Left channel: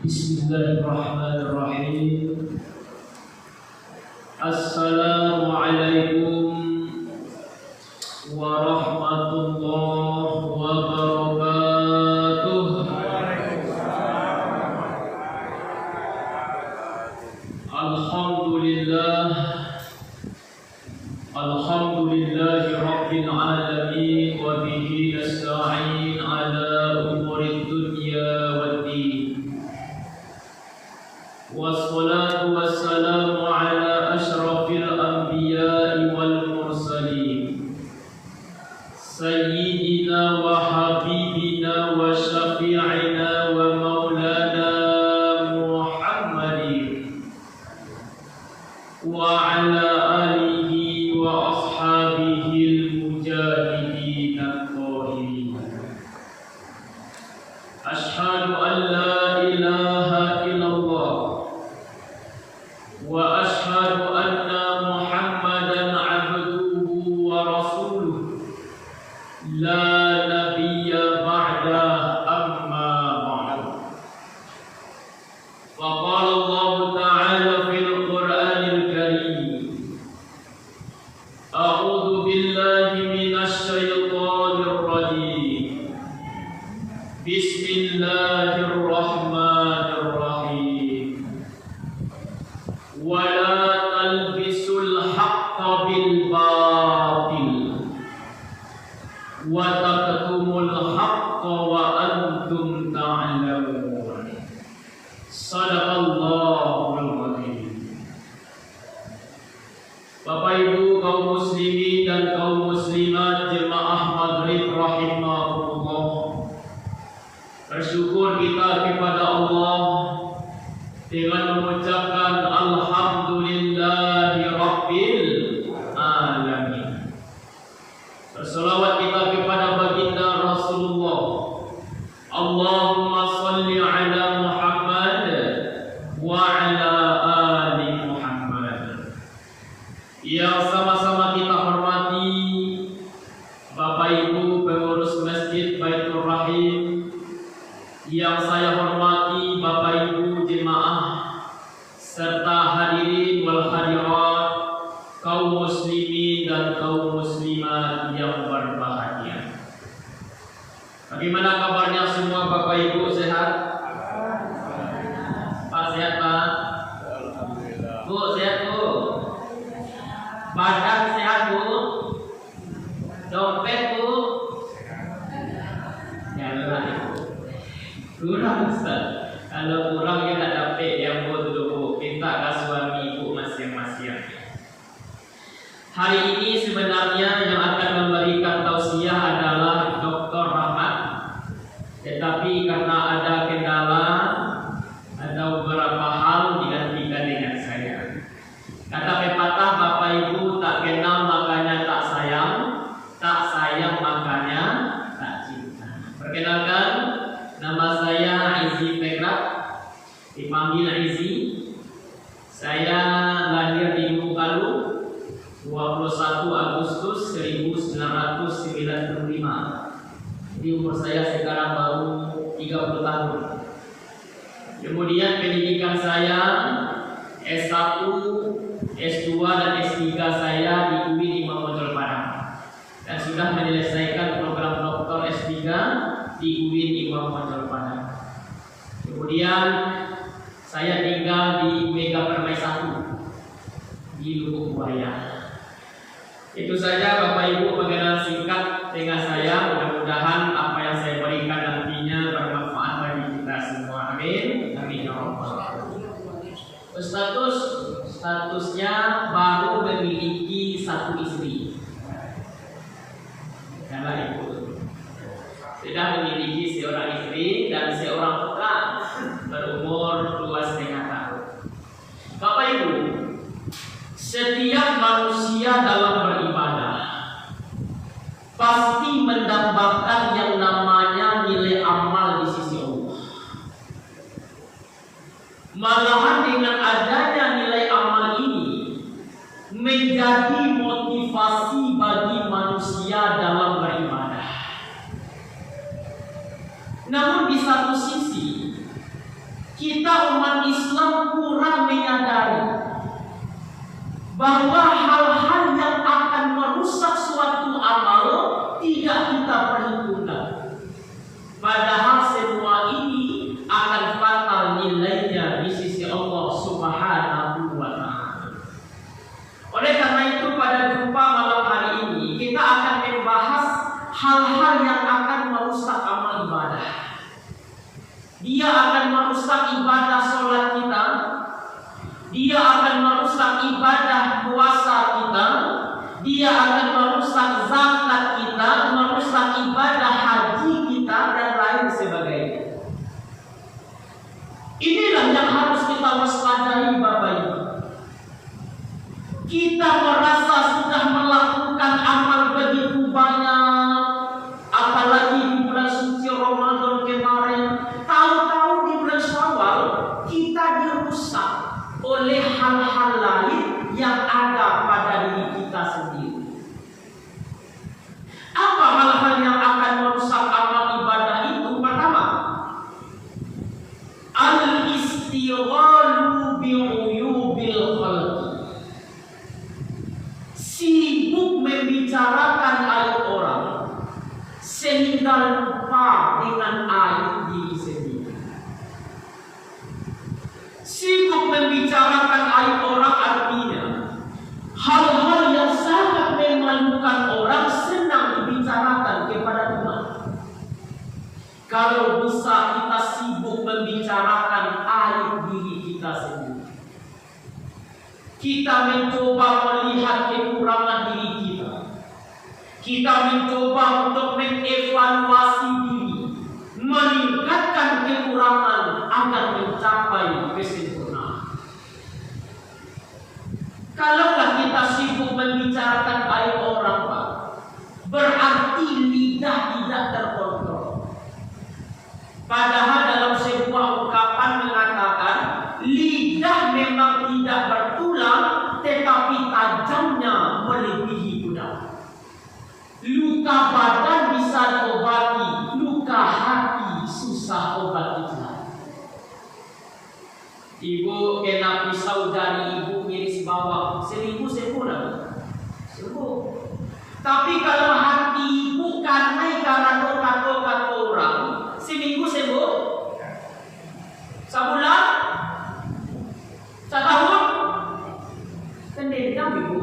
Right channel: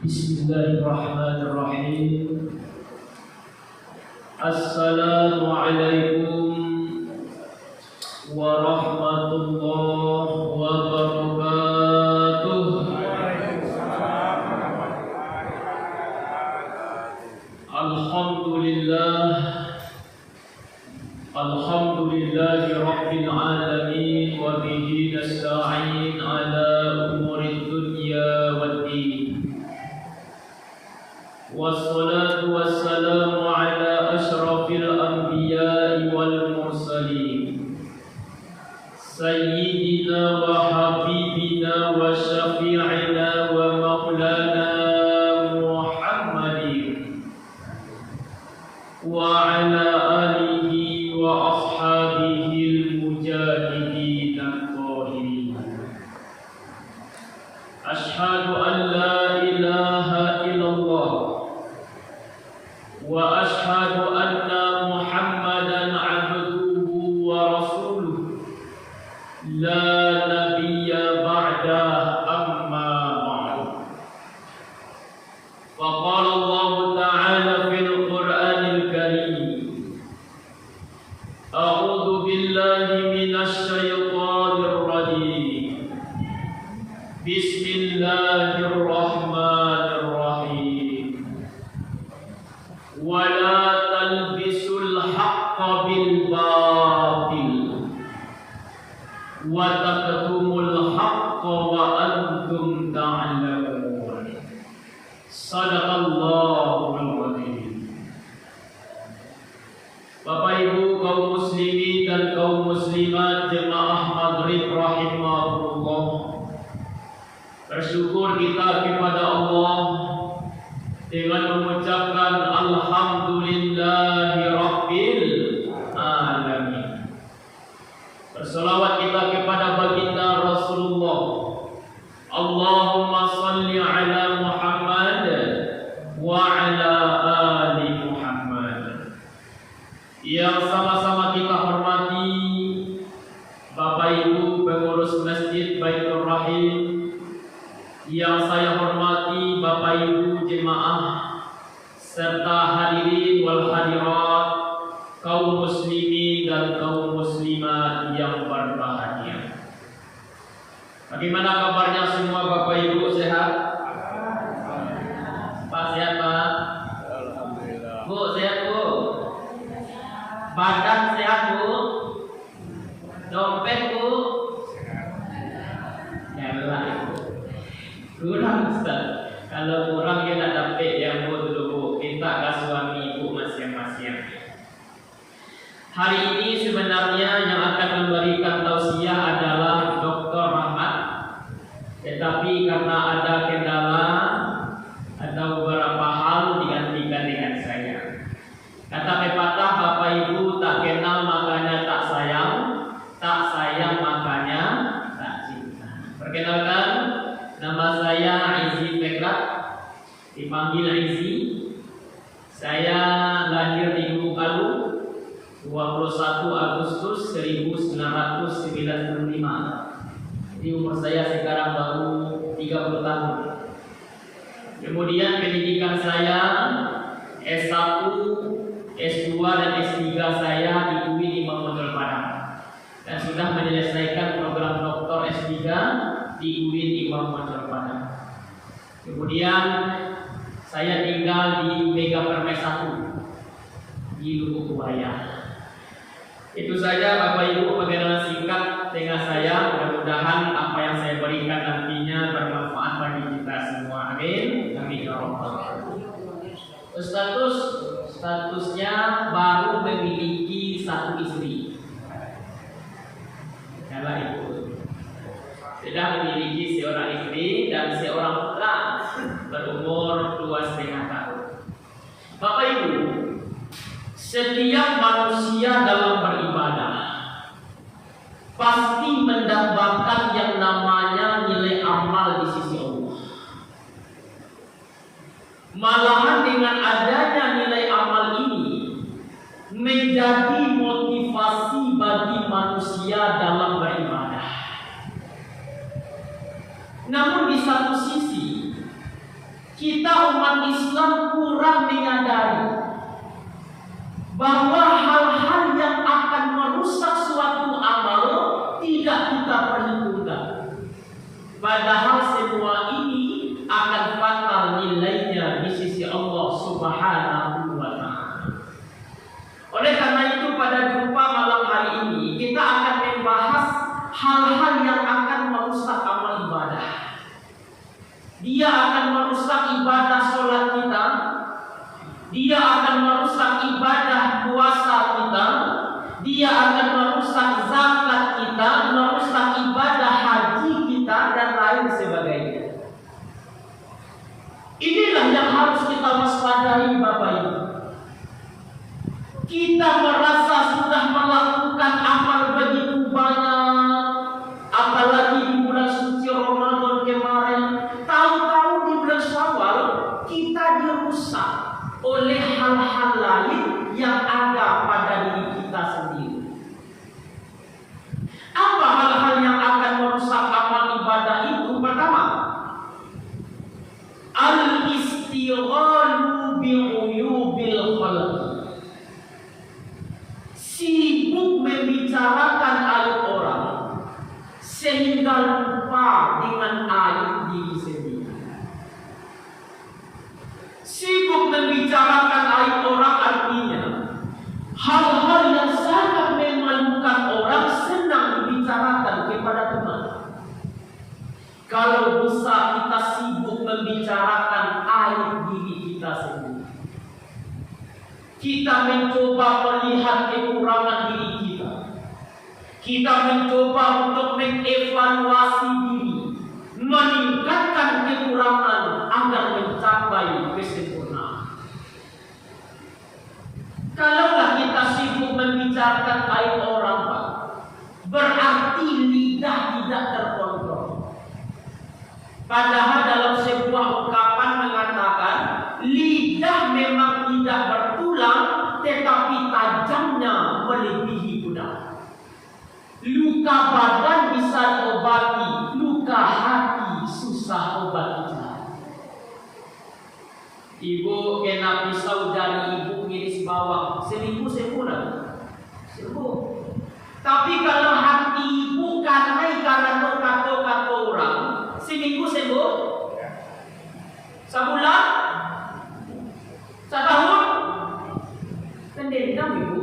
Bismillahirrahmanirrahim. Assalamualaikum warahmatullahi wabarakatuh. Alhamdulillahi rabbil alamin wa bihi nasta'in ala umurid dunya waddin. Wassalatu wassalamu ala asyrafil anbiya'i wal mursalin sayyidina wa habibina wa syafi'ina wa maulana Muhammadin wa ala alihi wa ashabihi al-mujahidin al-qahirin. Ashhadu an la ilaha illallah wa ashhadu anna Muhammadan abduhu wa rasuluh la nabiyya ba'da amma ba'du. Faqala Allah ta'ala fil Qur'anil Karim, a'udzu billahi minasy syaithanir rajim. Bismillahirrahmanirrahim. Wala talbisul haqqa bil batil wa taqtumul haqqa wa antum ta'lamun. Shadaqallahul azim. Bapak Ibu kaum muslimin dan kaum muslimat jemaah maghrib rahimahullah, bersyukur kita kepada Allah dengan mengucapkan alhamdulillahi rabbil alamin. Berselawat kita kepada baginda Rasulullah. Allahumma salli ala Muhammad wa ala ali Muhammad. Yang sama-sama kita hormati Bapak Ibu pengurus Masjid Baitur Rahim, yang saya hormati Bapak Ibu jemaah serta hadirin wal hadirat, kaum muslimin dan kaum muslimat yang berbahagia. Bagaimana kabarnya semua Bapak Ibu, sehat? Pak sehat Pak? Alhamdulillah. Bu sehat Bu? Badan sehat Bu? Dompet Bu? Ya benar Ibu. Kurang Ustaz. Kalau kurang kita dapat yang Bu dulu, minta ke suami Ibu masing-masing. Hari ini sebenarnya yang akan memberikan tausiah adalah Dr. Rahmat, tetapi karena ada kendala, ada beberapa hal digantikan dengan saya. Kata pepatah Bapak Ibu, tak kenal makanya tak sayang, tak sayang makanya tak cinta. Perkenalkan, nama saya Izzy Tekrak, dipanggil Izzy. Saya lahir di Bengkalu 21 Agustus 1995. Jadi umur saya sekarang baru 30 tahun. Kemudian pendidikan saya S1, S2 dan S3 saya di UI di Motor Padang, dan sudah menyelesaikan program doktor S3 di UI di Motor Padang. Kemudian saya tinggal di Mega Permai 1 di Lubuk Buaya. Itu saja Bapak Ibu perkenalan singkat dengan saya. Mudah-mudahan apa yang saya berikan nantinya bermanfaat bagi kita semua. Amin. Amin ya rabbal alamin. Statusnya baru memiliki satu istri. Kalau Ibu sudah memiliki seorang istri dan seorang putra berumur 2,5 tahun. Bapak Ibu, setiap manusia dalam beribadah pasti mendapatkan yang namanya nilai amal di sisi Allah. Malahan dengan adanya nilai amal ini menjadi motivasi bagi manusia dalam beribadah. Namun di satu sisi kita umat Islam kurang menyadari bahwa hal-hal yang akan merusak suatu amal tidak kita perhitungkan. Padahal semua ini akan fatal nilainya di sisi Allah Subhanahu wa Ta'ala. Oleh karena itu pada jumpa malam hari ini kita akan membahas hal-hal yang akan merusak amal ibadah. Dia akan merusak ibadah sholat kita. Dia akan merusak ibadah puasa kita. Dia akan merusak zakat kita, merusak ibadah haji kita dan lain sebagainya. Inilah yang harus kita waspadai Bapak Ibu. Kita merasa sudah melakukan amal begitu banyak, apalagi di bulan suci Ramadan kemarin. Tahu-tahu di bulan Syawal kita dirusak oleh hal-hal lain yang ada pada diri kita sendiri. Apa hal-hal yang akan merusak amal ibadah itu? Pertama, al-istighalu bi'uyubil khalqi. Sibuk membicarakan aib orang sehingga lupa dengan aib diri sendiri. Sibuk membicarakan aib orang artinya hal-hal yang sangat memalukan orang senang dibicarakan kepada teman. Kalau bisa kita sibuk membicarakan aib diri kita sendiri. Kita mencoba melihat kekurangan diri kita. Kita mencoba untuk mengevaluasi diri, meningkatkan kekurangan agar mencapai kesempurnaan. Kalaulah kita sibuk membicarakan aib orang, berarti lidah tidak terkontrol. Padahal dalam sebuah ungkapan mengatakan lidah memang tidak bertulang, tetapi tajamnya melebihi pedang. Luka badan bisa diobati, luka hati susah obatinya. Ibu kena pisau dari ibu ngiris bawang, seminggu sembuh. Tapi kalau hati ibu karena kata orang, seminggu sembuh. Sebulan, setahun, pendendam ibu.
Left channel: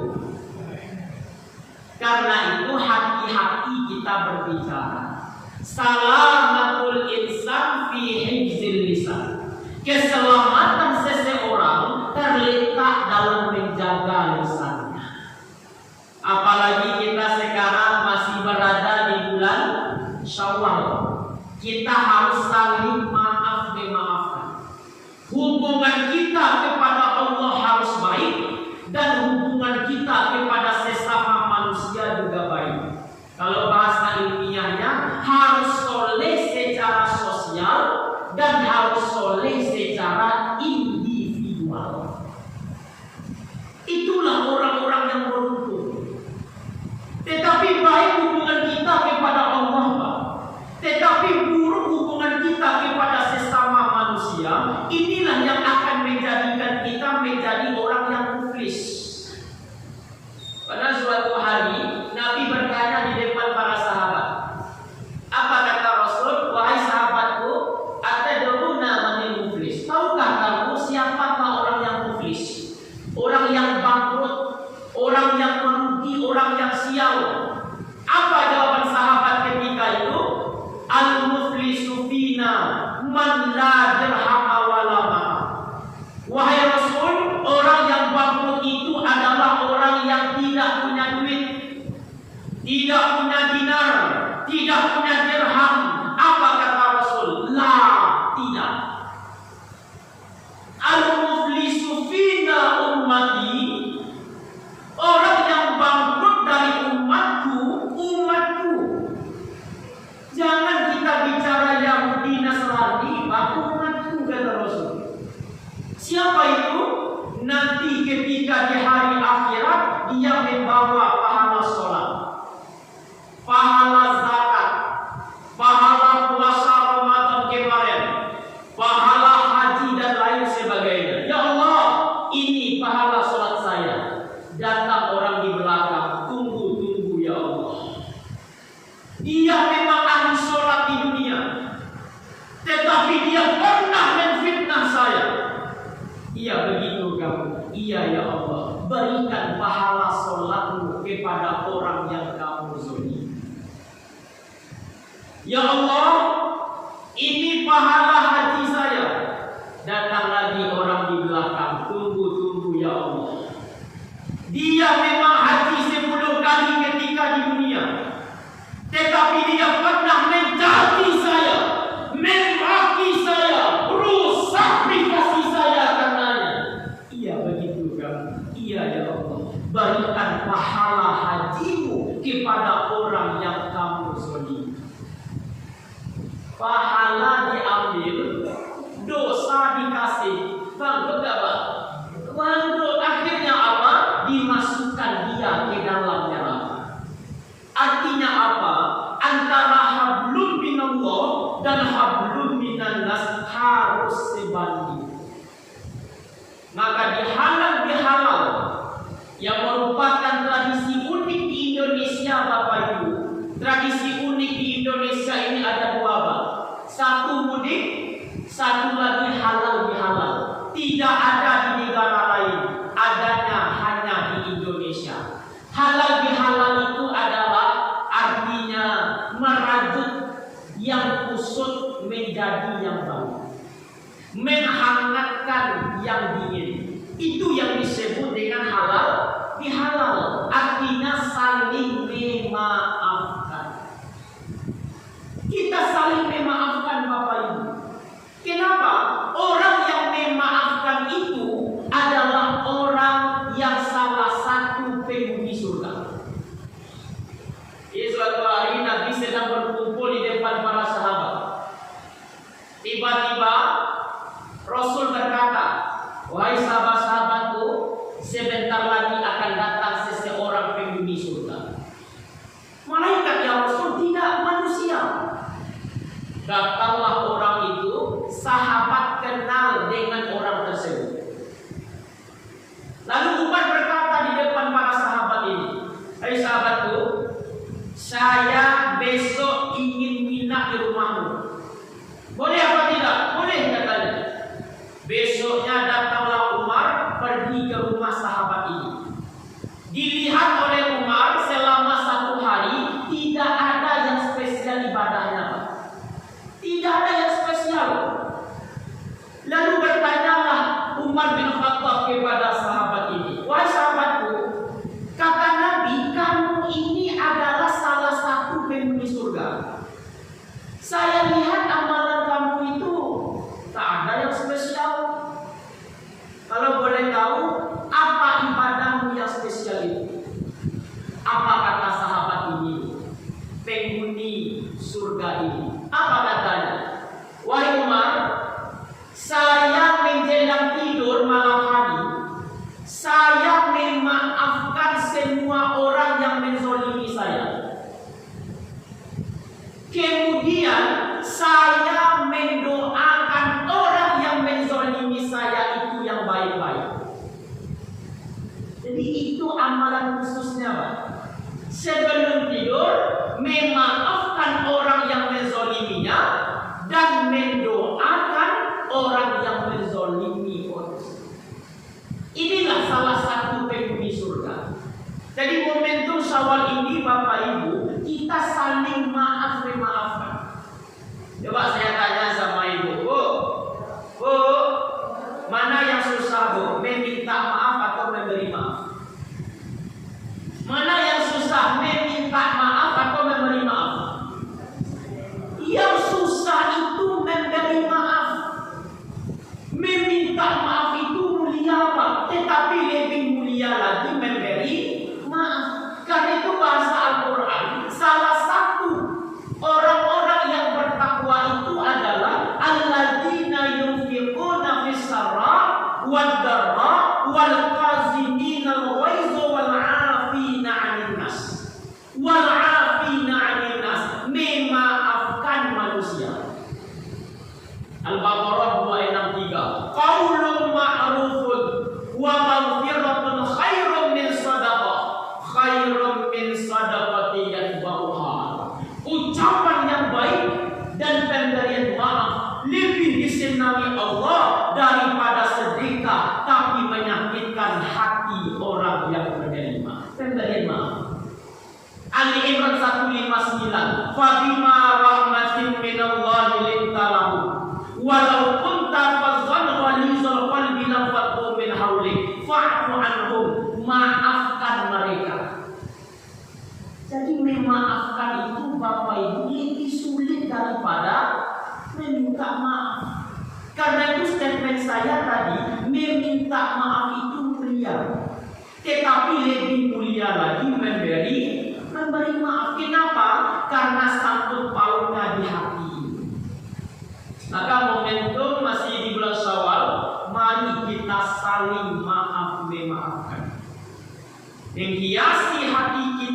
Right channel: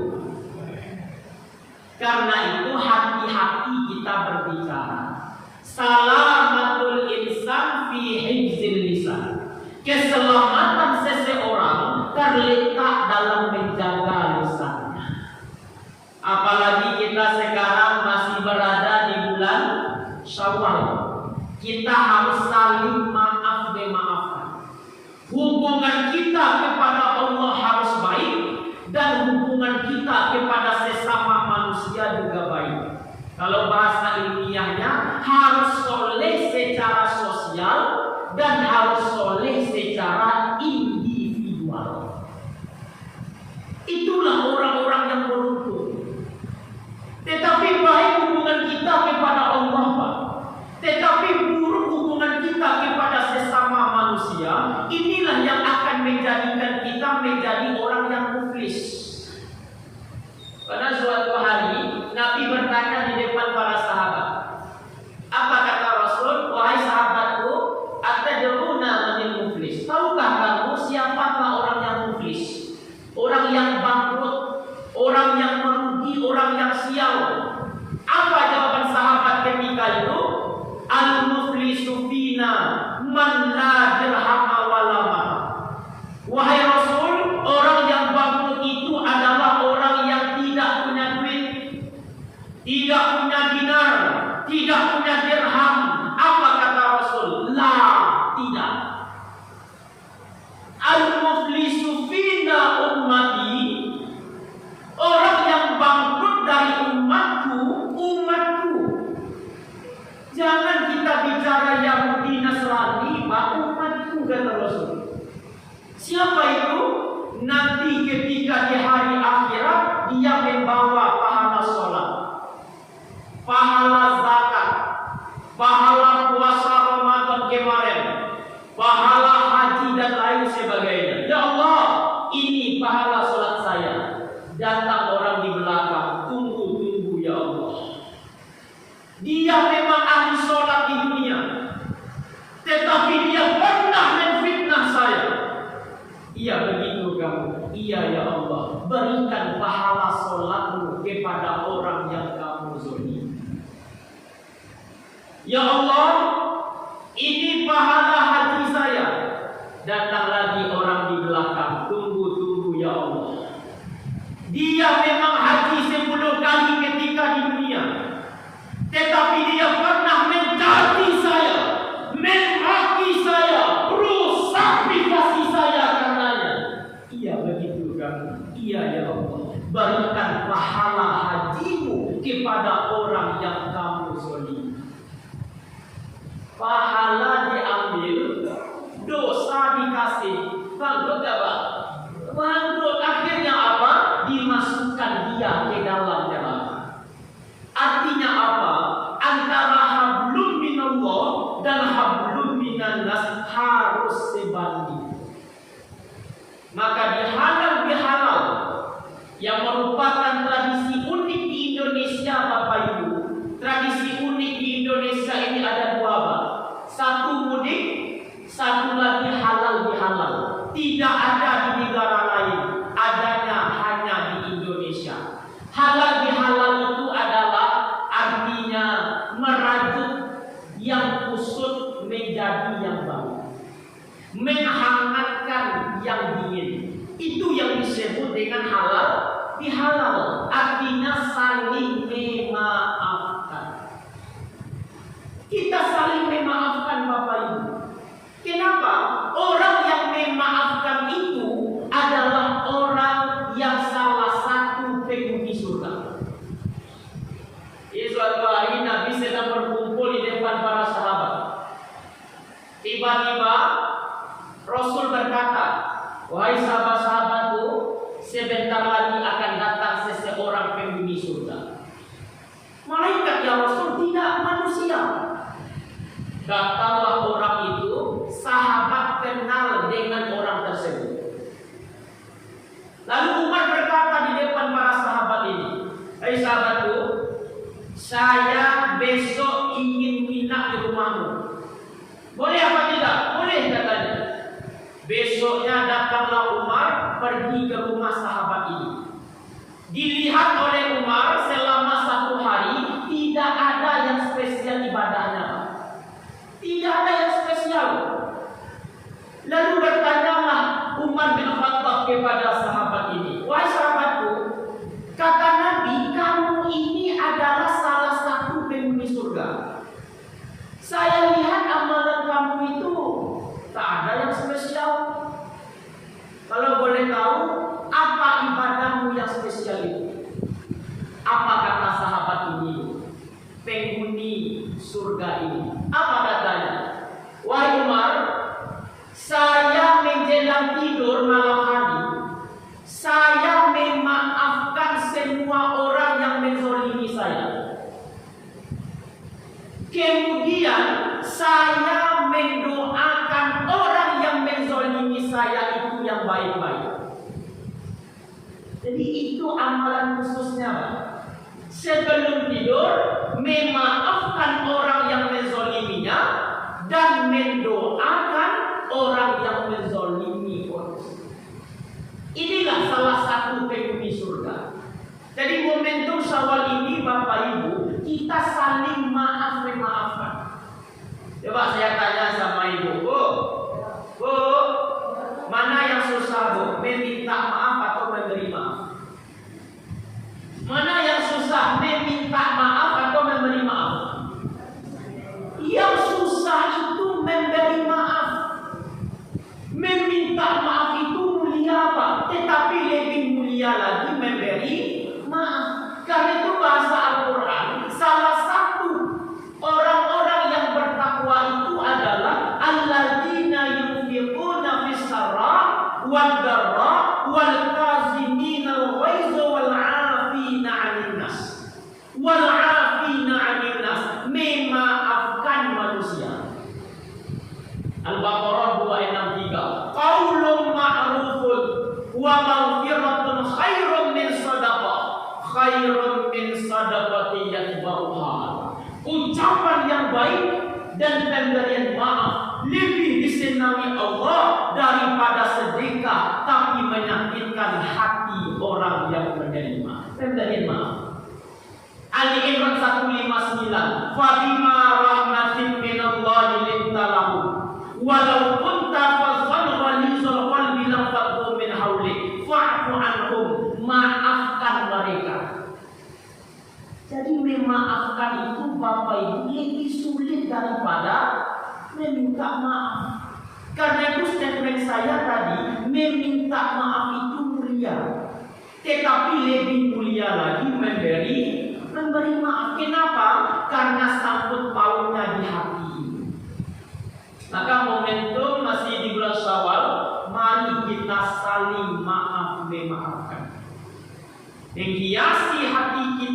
Karena itu hati-hati kita berbicara. Salamatul insan fi hifzil lisan. Keselamatan seseorang terletak dalam menjaga lisannya. Apalagi kita sekarang masih berada di bulan Syawal. Kita harus saling maaf memaafkan. Hubungan kita kepada Allah harus baik dan hubungan kita kepada sesama manusia juga baik. Kalau bahasa ilmiahnya harus soleh secara sosial dan harus soleh secara individual. Itulah orang-orang yang beruntung. Tetapi baik hubungan kita kepada Allah, tetapi buruk hubungan kita kepada sesama manusia. Inilah yang akan menjadikan kita menjadi orang yang muflis. Pada suatu hari Nabi bertanya di depan para sahabat, apa kata Rasul? Wahai sahabatku, atadruna manil muflis? Tahukah kamu siapakah orang yang muflis? Orang yang bangkrut, orang yang merugi, orang yang sial. Apa jawaban sahabat ketika itu? Al-muflisu fina man la dirham wala mata. Wahai Rasul, orang yang bangkrut itu adalah orang yang tidak punya duit, tidak punya dinar, tidak punya dirham. Apa kata Rasul? La, tidak. Al-muflisu fina ummati. Orang yang bangkrut dari umatku. Jangan kita bicara Yahudi Nasrani, umatku kata Rasul. Siapa itu? Nanti ketika di hari akhirat dia membawa pahala sholat, pahala zakat, pahala kepada orang yang kamu zalimi. Pahala diambil, dosa dikasih. Bangkrut apa? Bangkrut. Akhirnya apa? Dimasukkan dia ke dalam neraka. Artinya apa? Antara hablum minallah dan hablum minannas harus sebanding. Maka dihalal yang merupakan tradisi unik di Indonesia, Bapak Ibu. Tradisi unik di Indonesia ini ada dua, Pak. Satu mudik, satu lagi halal bihalal. Tidak ada di negara lain, adanya hanya di Indonesia. Halal bihalal itu adalah artinya merajut yang kusut menjadi yang baru, menghangatkan yang dingin. Itu yang disebut dengan halal bihalal. Artinya saling memaafkan. Kita saling memaafkan, Bapak Ibu. Kenapa? Orang yang memaafkan itu adalah orang yang salah satu penghuni surga. Suatu hari Nabi sedang berkumpul di depan para sahabat. Tiba-tiba Rasul berkata, "Wahai sahabat-sahabatku, sebentar lagi akan datang seseorang penghuni surga." Malaikat, ya Rasul, tidak manusia. Datanglah orang itu, sahabat kenal dengan orang tersebut. Lalu Umar berkata di depan para sahabat ini, "Hai sahabatku, saya besok ingin nginap di rumahmu. Boleh apa tidak?" "Boleh," katanya. Besoknya datanglah Umar pergi ke rumah sahabat ini. Dilihat oleh Umar selama 1 hari tidak ada yang spesial ibadahnya. Tidak ada yang spesial. Lalu bertanyalah Umar bin Khattab kepada sahabat ini, "Wahai sahabatku, kata Nabi, kamu ini adalah salah satu penghuni surga. Saya lihat amalan kamu itu tak ada yang spesial. Kalau boleh tahu, apa ibadahmu yang spesial itu?" Apa kata sahabat ini, penghuni surga ini? Apa katanya? "Wahai Umar, saya menjelang tidur malam hari, saya memaafkan semua orang yang menzalimi saya. Kemudian saya mendoakan orang yang menzalimi saya itu yang baik-baik." Jadi itu amalan khususnya, Pak. Sebelum tidur memaafkan orang yang menzaliminya dan mendoakan orang yang menzalimi orang. Inilah salah satu penghuni surga. Jadi momentum Syawal ini, Bapak Ibu, kita saling maafkan. Coba saya tanya sama Ibu, Bu, mana yang susah, Bu? Meminta maaf atau memberi maaf? Mana yang susah, meminta maaf atau memberi maaf? Yang susah itu memberi maaf. Meminta maaf itu mulia, Pak. Tetapi lebih mulia lagi memberi maaf. Karena itu bahasa Al-Quran, salah satu orang-orang yang bertakwa itu adalah alladzina yunfiquna fis-sarra wad-dharra wal kazimina al-ghaiza wal 'afina 'anil nas. Wal 'afina 'anil nas, memaafkan manusia. Al-Baqarah 263. Qaulun ma'rufun wa maghfiratun khairun min sadaqah. Khairun min sadaqati yatba'uha. Ucapan yang baik dan pemberian maaf lebih disenangi Allah daripada sedekah tapi menyakitkan hati orang yang menerima. Pemberian maaf. Ali Imran 159. Fabima rahmatin minallahi lintalahu walau kunta fazzan ghalizal qalbi lanfaddu min hawlik fa'fu anhum. Maafkan mereka. Jadi memaafkan itu, Bapak Ibu, lebih sulit daripada meminta maaf. Karena itu statement saya tadi, meminta maaf itu mulia, tetapi lebih mulia lagi memberi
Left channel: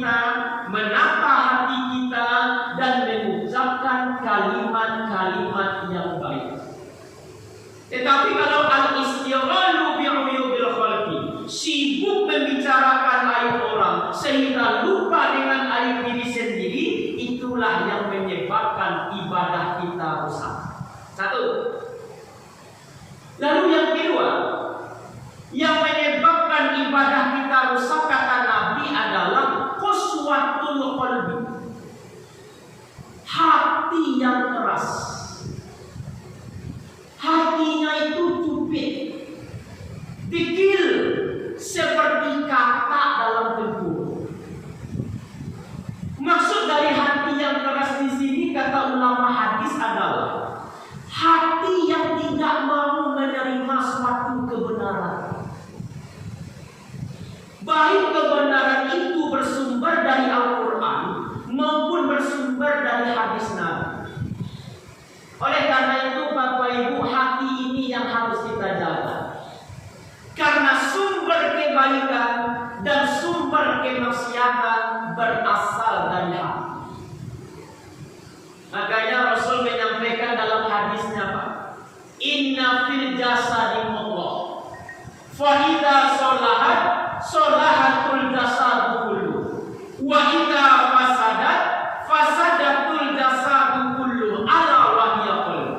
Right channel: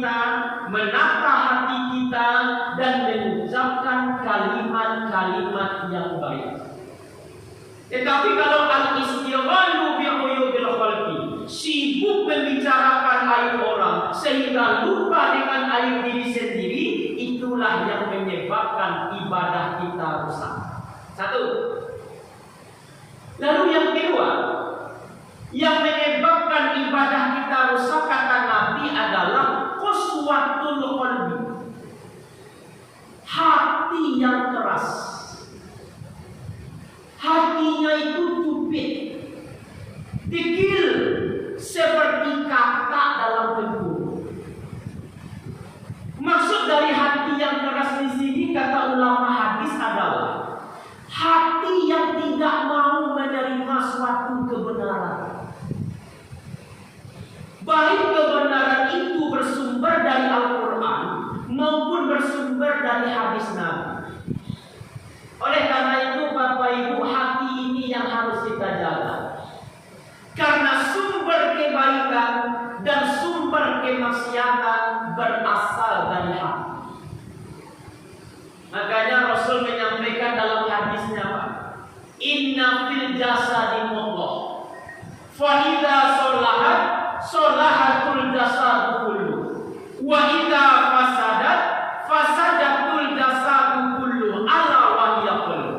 kita, menata hati kita, dan mengucapkan kalimat-kalimat yang baik. Tetapi kalau al-istighalu bi'uyubil khalqi, sibuk membicarakan aib orang sehingga lupa dengan aib diri sendiri, itulah yang menyebabkan ibadah kita rusak. Satu. Lalu yang kedua, yang menyebabkan ibadah kita rusak kata Nabi adalah qaswatul qalbi, hati yang keras. Hatinya itu cupit, dikil seperti kata dalam tegur. Maksud dari hati yang keras di sini kata ulama hadis adalah hati yang tidak mau menerima suatu kebenaran. Baik kebenaran itu bersumber dari Al-Quran maupun bersumber dari hadis Nabi. Oleh karena itu Bapak Ibu, hati ini yang harus kita jaga. Karena sumber kebaikan dan sumber kemaksiatan berasal dari hati. Makanya Rasul menyampaikan dalam hadisnya, inna fil jasadi mudghah, fa idza sholahat sholahatul jasadu kullu, wa idza fasadat fasadatul jasadu kullu, ala wa hiya qalb.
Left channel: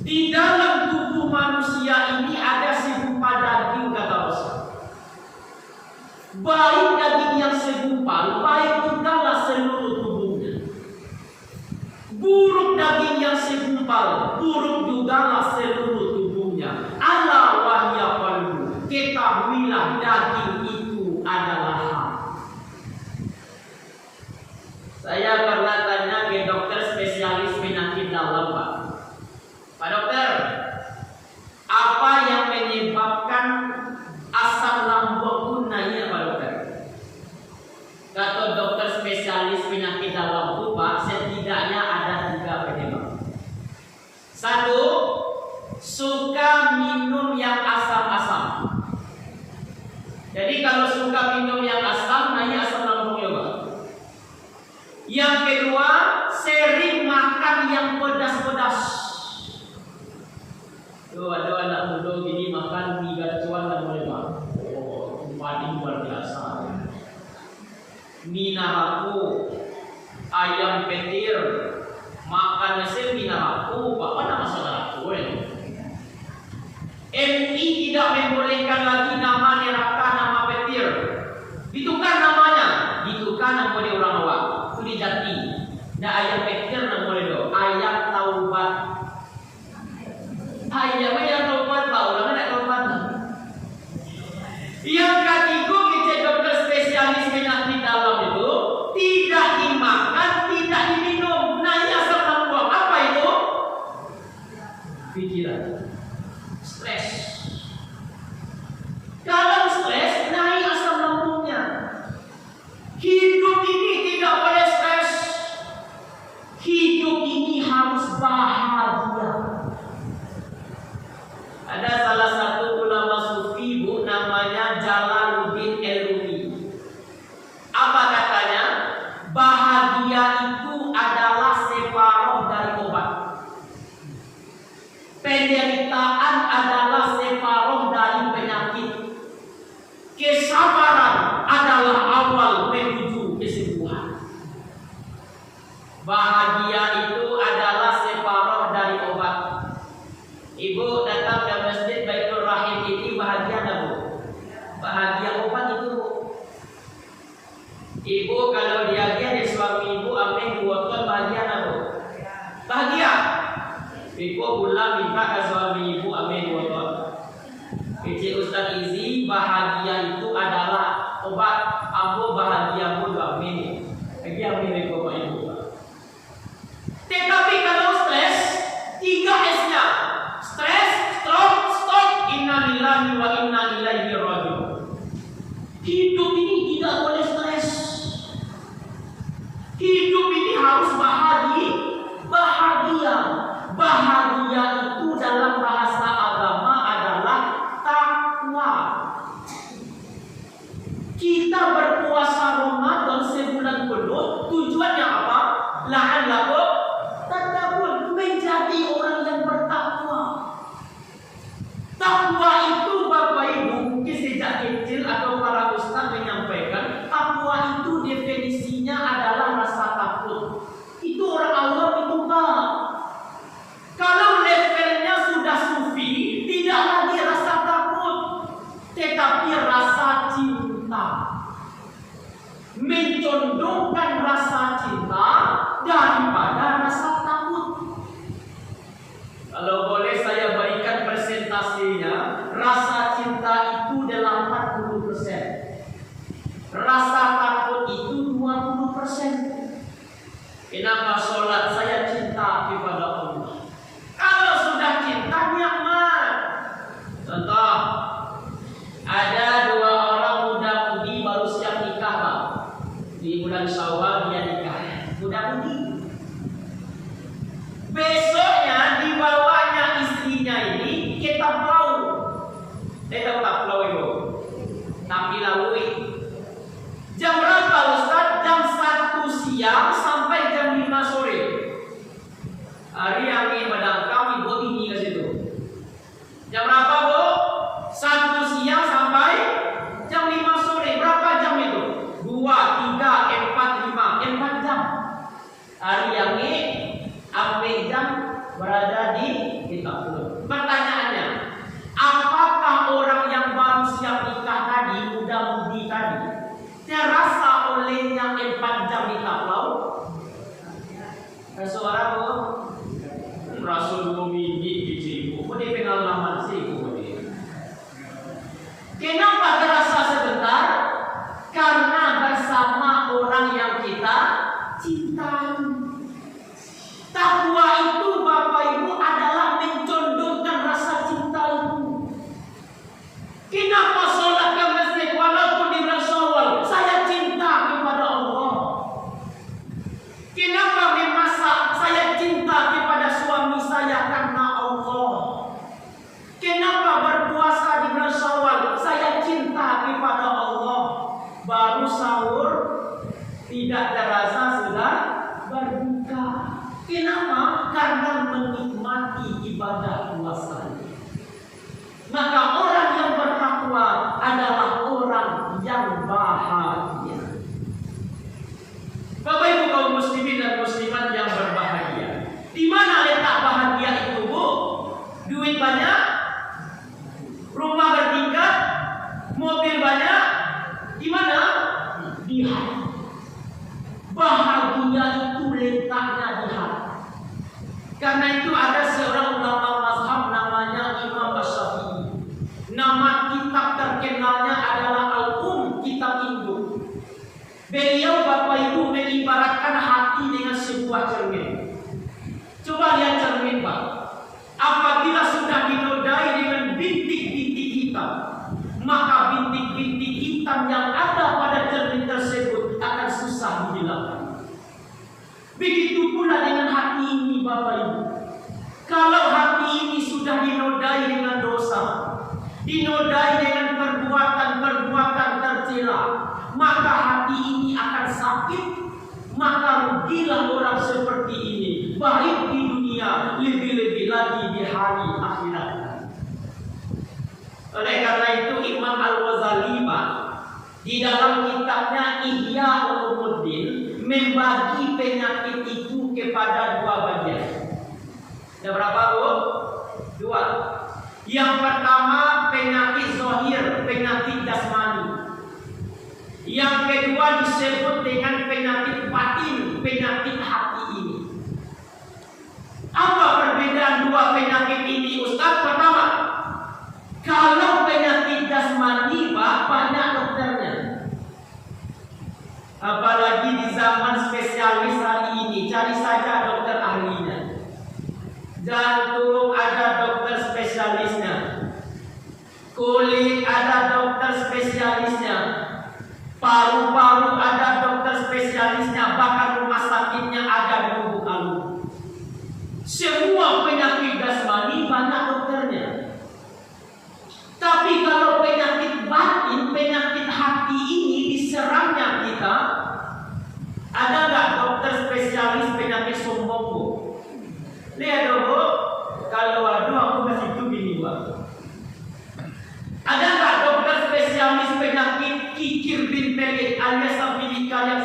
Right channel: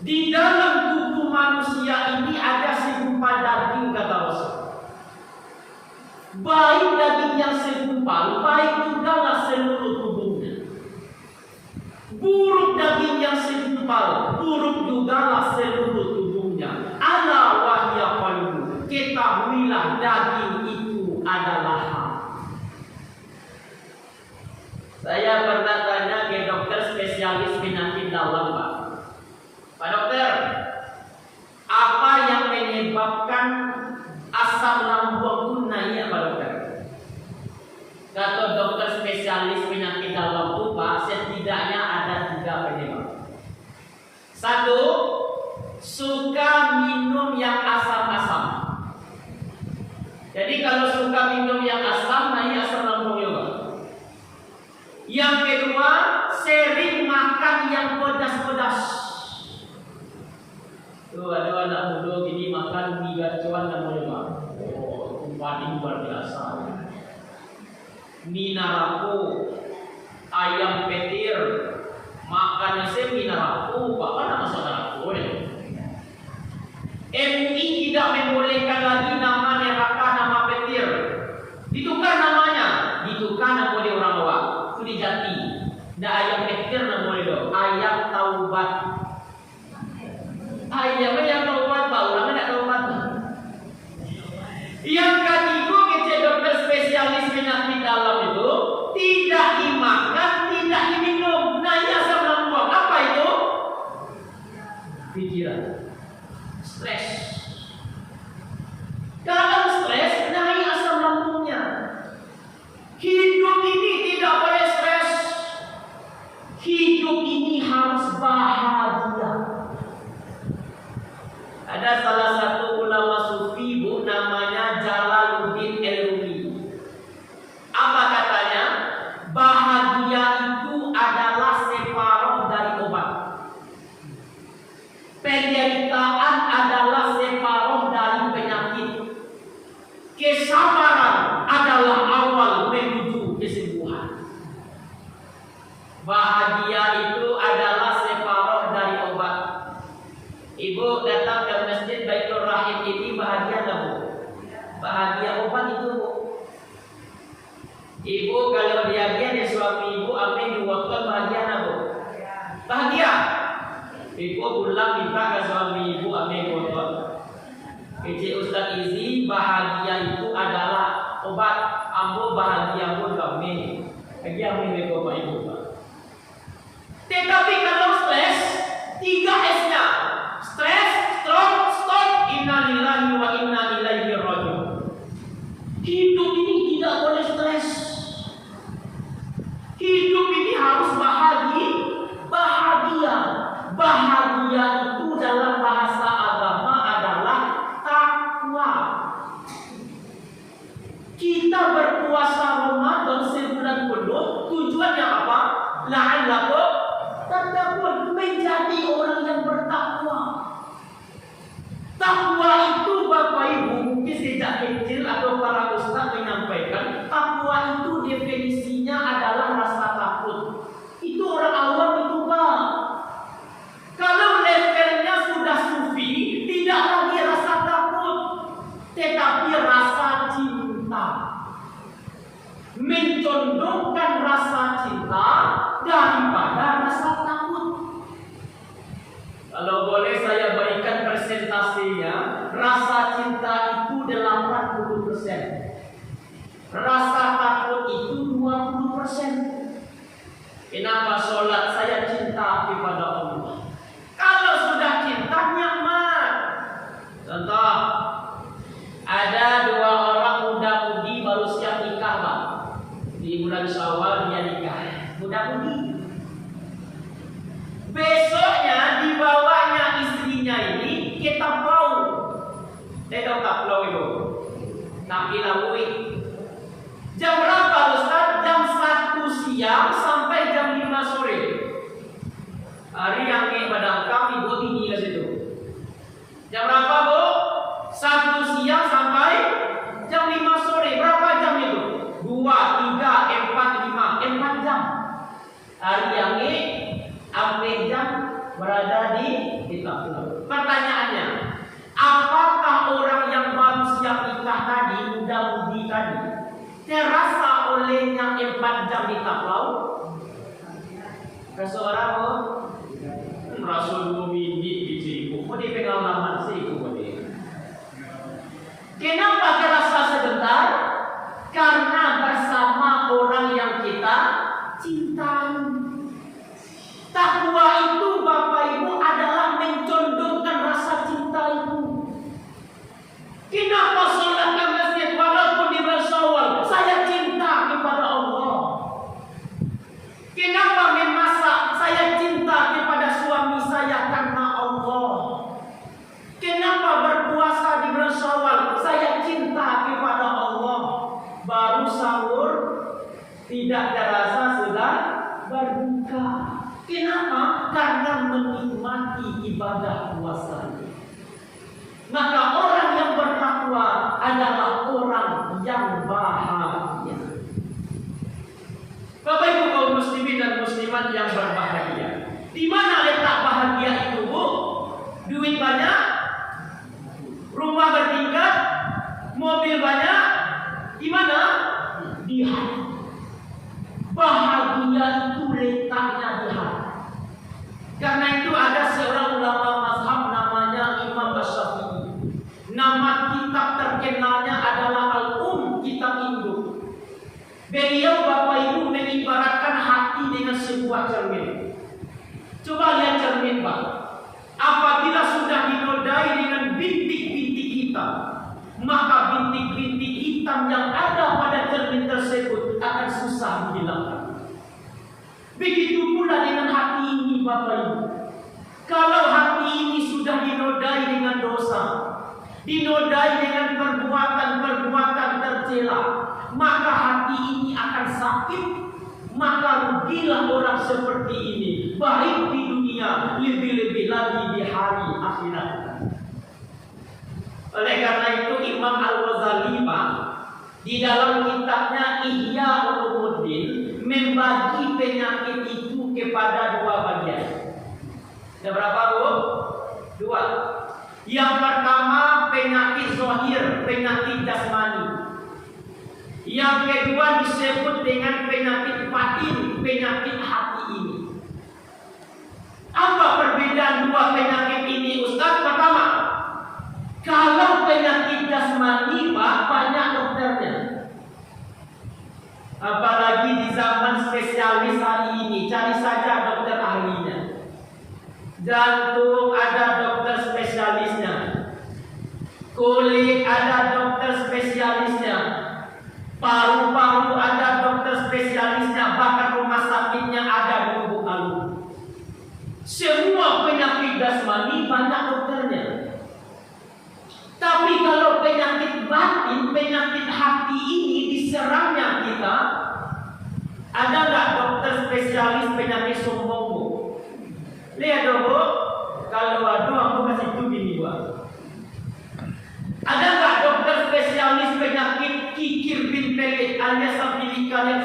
Di dalam tubuh manusia ini ada segumpal daging kata Rasul. Baik daging yang segumpal, baik jugalah seluruh tubuhnya. Buruk daging yang segumpal, buruk jugalah seluruh tubuhnya. Ala wa hiya qalb. Ketahuilah daging itu adalah hati. Saya pernah tanya ke dokter spesialis penyakit dalam, Pak dokter, apa yang menyebabkan asam lambung itu naik, Pak dokter? Kata dokter spesialis penyakit dalam itu, Pak, setidaknya ada 3 penyebab. Satu, suka minum yang asam-asam. Jadi kalau suka minum yang asam, naik asam lambung juga. Yang kedua, sering makan yang pedas-pedas. Tuh ada anak muda gini makan mie gacuan dan mulai paling luar biasa. Mie narako, ayam petir, makan nasi mie narako, apa nama saudaraku? MI tidak membolehkan lagi nama neraka, nama petir. Ditukar namanya, ditukar nama oleh orang awam. Kuli jati. Nah ayam petir nama oleh do, ayam taubat. Ayamnya yang taubat, Pak, orangnya tidak taubat. Yang ketiga, kece dokter spesialis penyakit dalam itu tidak dimakan, tidak diminum. Nah ya asam lambung, apa itu? Pikiran. Stres. Kalau stres, naik asam lambungnya. Hidup ini tidak boleh stres. Hidup ini harus bahagia. Ada salah satu ulama sufi, Bu, namanya Jalaluddin Al-Rumi. Apa katanya? Bahagia itu adalah separuh dari obat. Penderitaan adalah separuh dari penyakit. Kesabaran adalah awal menuju kesembuhan. Bahagia itu adalah separuh dari obat. Ibu datang ke masjid Baitul Rahim ini bahagia tak, Bu? Bahagia obat itu, Bu. Ibu kalau diagen suami ibu ambil 2 ton bahagia tak, Bu? Bahagia. Ibu pulang minta ke suami ibu ambil 2 ton. Kecil Ustaz Izi, bahagia itu adalah obat. Ambo bahagia pun ambil. Lagi ambil bapak ibu. Tetapi kalau stres, 3 S-nya. Stres, stroke, stop, inna lillahi wa inna ilaihi raji'un. Hidup ini tidak boleh stres. Hidup ini harus bahagia. Bahagia itu dalam bahasa agama adalah takwa. Kita berpuasa Ramadan definisinya adalah rasa takut. Itu orang awam itu Pak. Kalau levelnya sudah sufi, tidak lagi rasa takut, tetapi rasa cinta. Mencondongkan rasa cinta daripada rasa takut. Kalau boleh saya berikan presentasinya, rasa cinta itu 80%. Rasa takut itu 20%. Kenapa sholat saya cinta kepada Allah? Kalau sudah cinta nyaman. Contoh, ada 2 orang muda-mudi baru siap nikah Pak. Di bulan Syawal dia nikah. Muda-mudi. Besoknya dibawanya istrinya ini ke Taplau. Tahu Taplau itu? Tapi Lawi. Jam berapa Ustaz? Jam 1 siang sampai jam 5 sore. Hari yang ini pada kami buat tinggi ke situ. Jam berapa Bu? 1 siang sampai jam 5 sore. Berapa jam itu? 2, 3, 4, 5. 4 jam. Hari yang ini sampai jam berada di Taplau. Pertanyaannya, apakah orang yang baru siap nikah tadi, muda-mudi tadi, terasa olehnya 4 jam di Taplau? Suara Bu? Rasul Mumini di Cipu. Ini pengalaman sih Bu. Kenapa terasa sebentar? Karena bersama orang yang kita cintai. Takwa itu Bapak Ibu adalah mencondongkan rasa cinta itu. Kenapa sholat ke masjid walaupun di bulan Syawal? Saya cinta kepada Allah. Kenapa memasak? Saya cinta kepada suami saya karena Allah. Kenapa berpuasa di bulan Syawal? Saya cinta kepada Allah. Baru sahur tidak terasa sudah berbuka. Kenapa? Karena menikmati ibadah puasa. Maka orang yang bertakwa adalah orang yang bahagia. Bapak Ibu kaum muslimin dan muslimat yang berbahagia. Di mana letak bahagia itu Bu? Duit banyak, rumah bertingkat, mobil banyak. Di mana? Di hati. Bahagia itu letaknya di hati. Karena itu ada seorang ulama mazhab namanya Imam Syafi'i. Nama kitab terkenalnya adalah kitab induk. Beliau Bapak Ibu mengibaratkan hati dengan sebuah cermin. Coba lihat cermin Pak. Apabila sudah dinodai dengan bintik-bintik hitam, maka bintik-bintik hitam yang ada pada cermin tersebut akan susah dihilangkan. Begitu pula dengan hati ini Bapak Ibu. Kalau hati ini sudah dinodai dengan dosa, dinodai dengan perbuatan-perbuatan tercela, maka hati ini akan sakit. Maka rugilah orang seperti ini, baik di dunia, lebih-lebih lagi di hari akhirat. Oleh karena itu Imam Al-Ghazali di dalam kitabnya Ihya Ulumuddin membagi penyakit itu kepada 2 bagian. Ada berapa Bu? 2. Yang pertama penyakit zahir, penyakit jasmani. Yang kedua disebut dengan penyakit batin, penyakit hati ini. Apa perbedaan 2 penyakit ini Ustaz? Pertama, kalau penyakit jasmani banyak dokternya. Apalagi di zaman spesialis hari ini, cari saja dokter ahlinya. Jantung ada dokter spesialisnya, kulit ada dokter spesialisnya, paru-paru ada dokter spesialisnya, bahkan rumah sakitnya ada di Lubuk Alun. Semua penyakit jasmani banyak dokternya. Tapi kalau penyakit batin, penyakit hati ini diserangnya kita, ada nggak dokter spesialis penyakit sombong Bu? Lihat dong Bu, kalau ada aku kasih itu gini Bu. Ada nggak dokter spesialis penyakit kikir bin pelit alias abilikal yang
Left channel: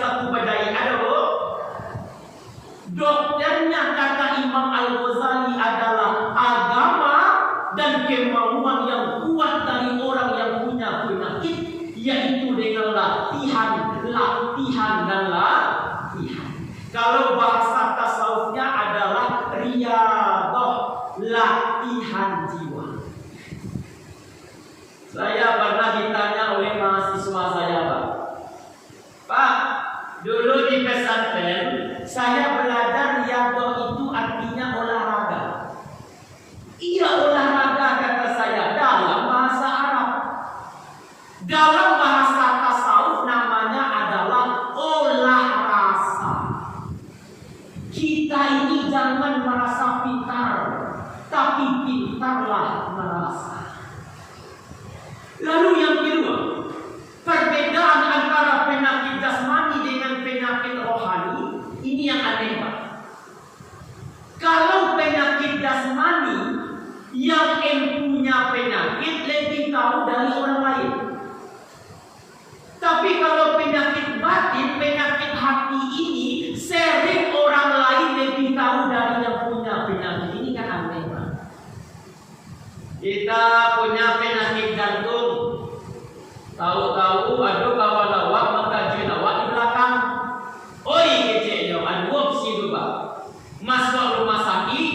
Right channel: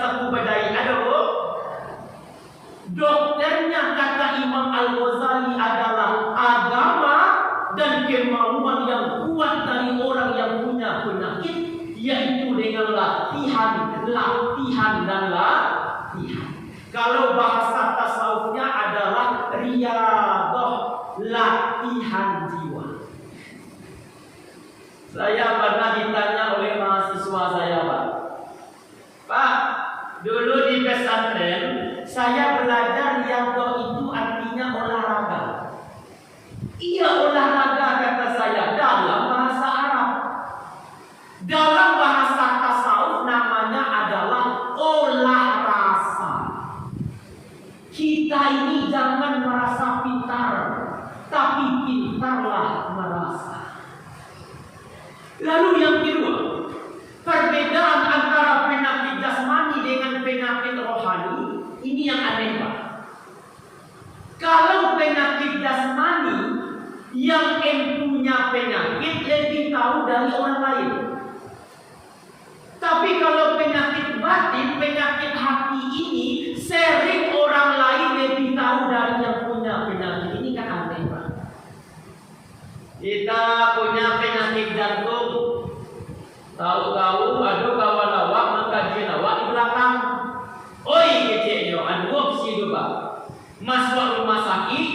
dan latihan. Kalau bahasa tasawufnya adalah riyadhah, latihan jiwa. Saya pernah ditanya oleh mahasiswa saya, Pak, dulu di pesantren saya belajar riyadhah itu artinya olahraga. Iya, olahraga kata saya dalam bahasa Arab. Dalam bahasa tasawuf namanya adalah olah rasa. Kita ini jangan merasa pintar, tapi pintarlah merasa. Lalu yang kedua, perbedaan antara penyakit jasmani dengan penyakit rohani ini yang aneh, Pak. Kalau penyakit jasmani, yang punya penyakit lebih tahu dari orang lain. Tapi kalau penyakit batin, penyakit hati ini sering orang lain lebih tahu dari yang punya penyakit. Ini kan aneh, Pak. Kita punya penyakit jantung, tahu-tahu aduh kawan awak mengkaji awak di belakang. Oi keceknya, aduh situ, Pak. Masuk rumah sakit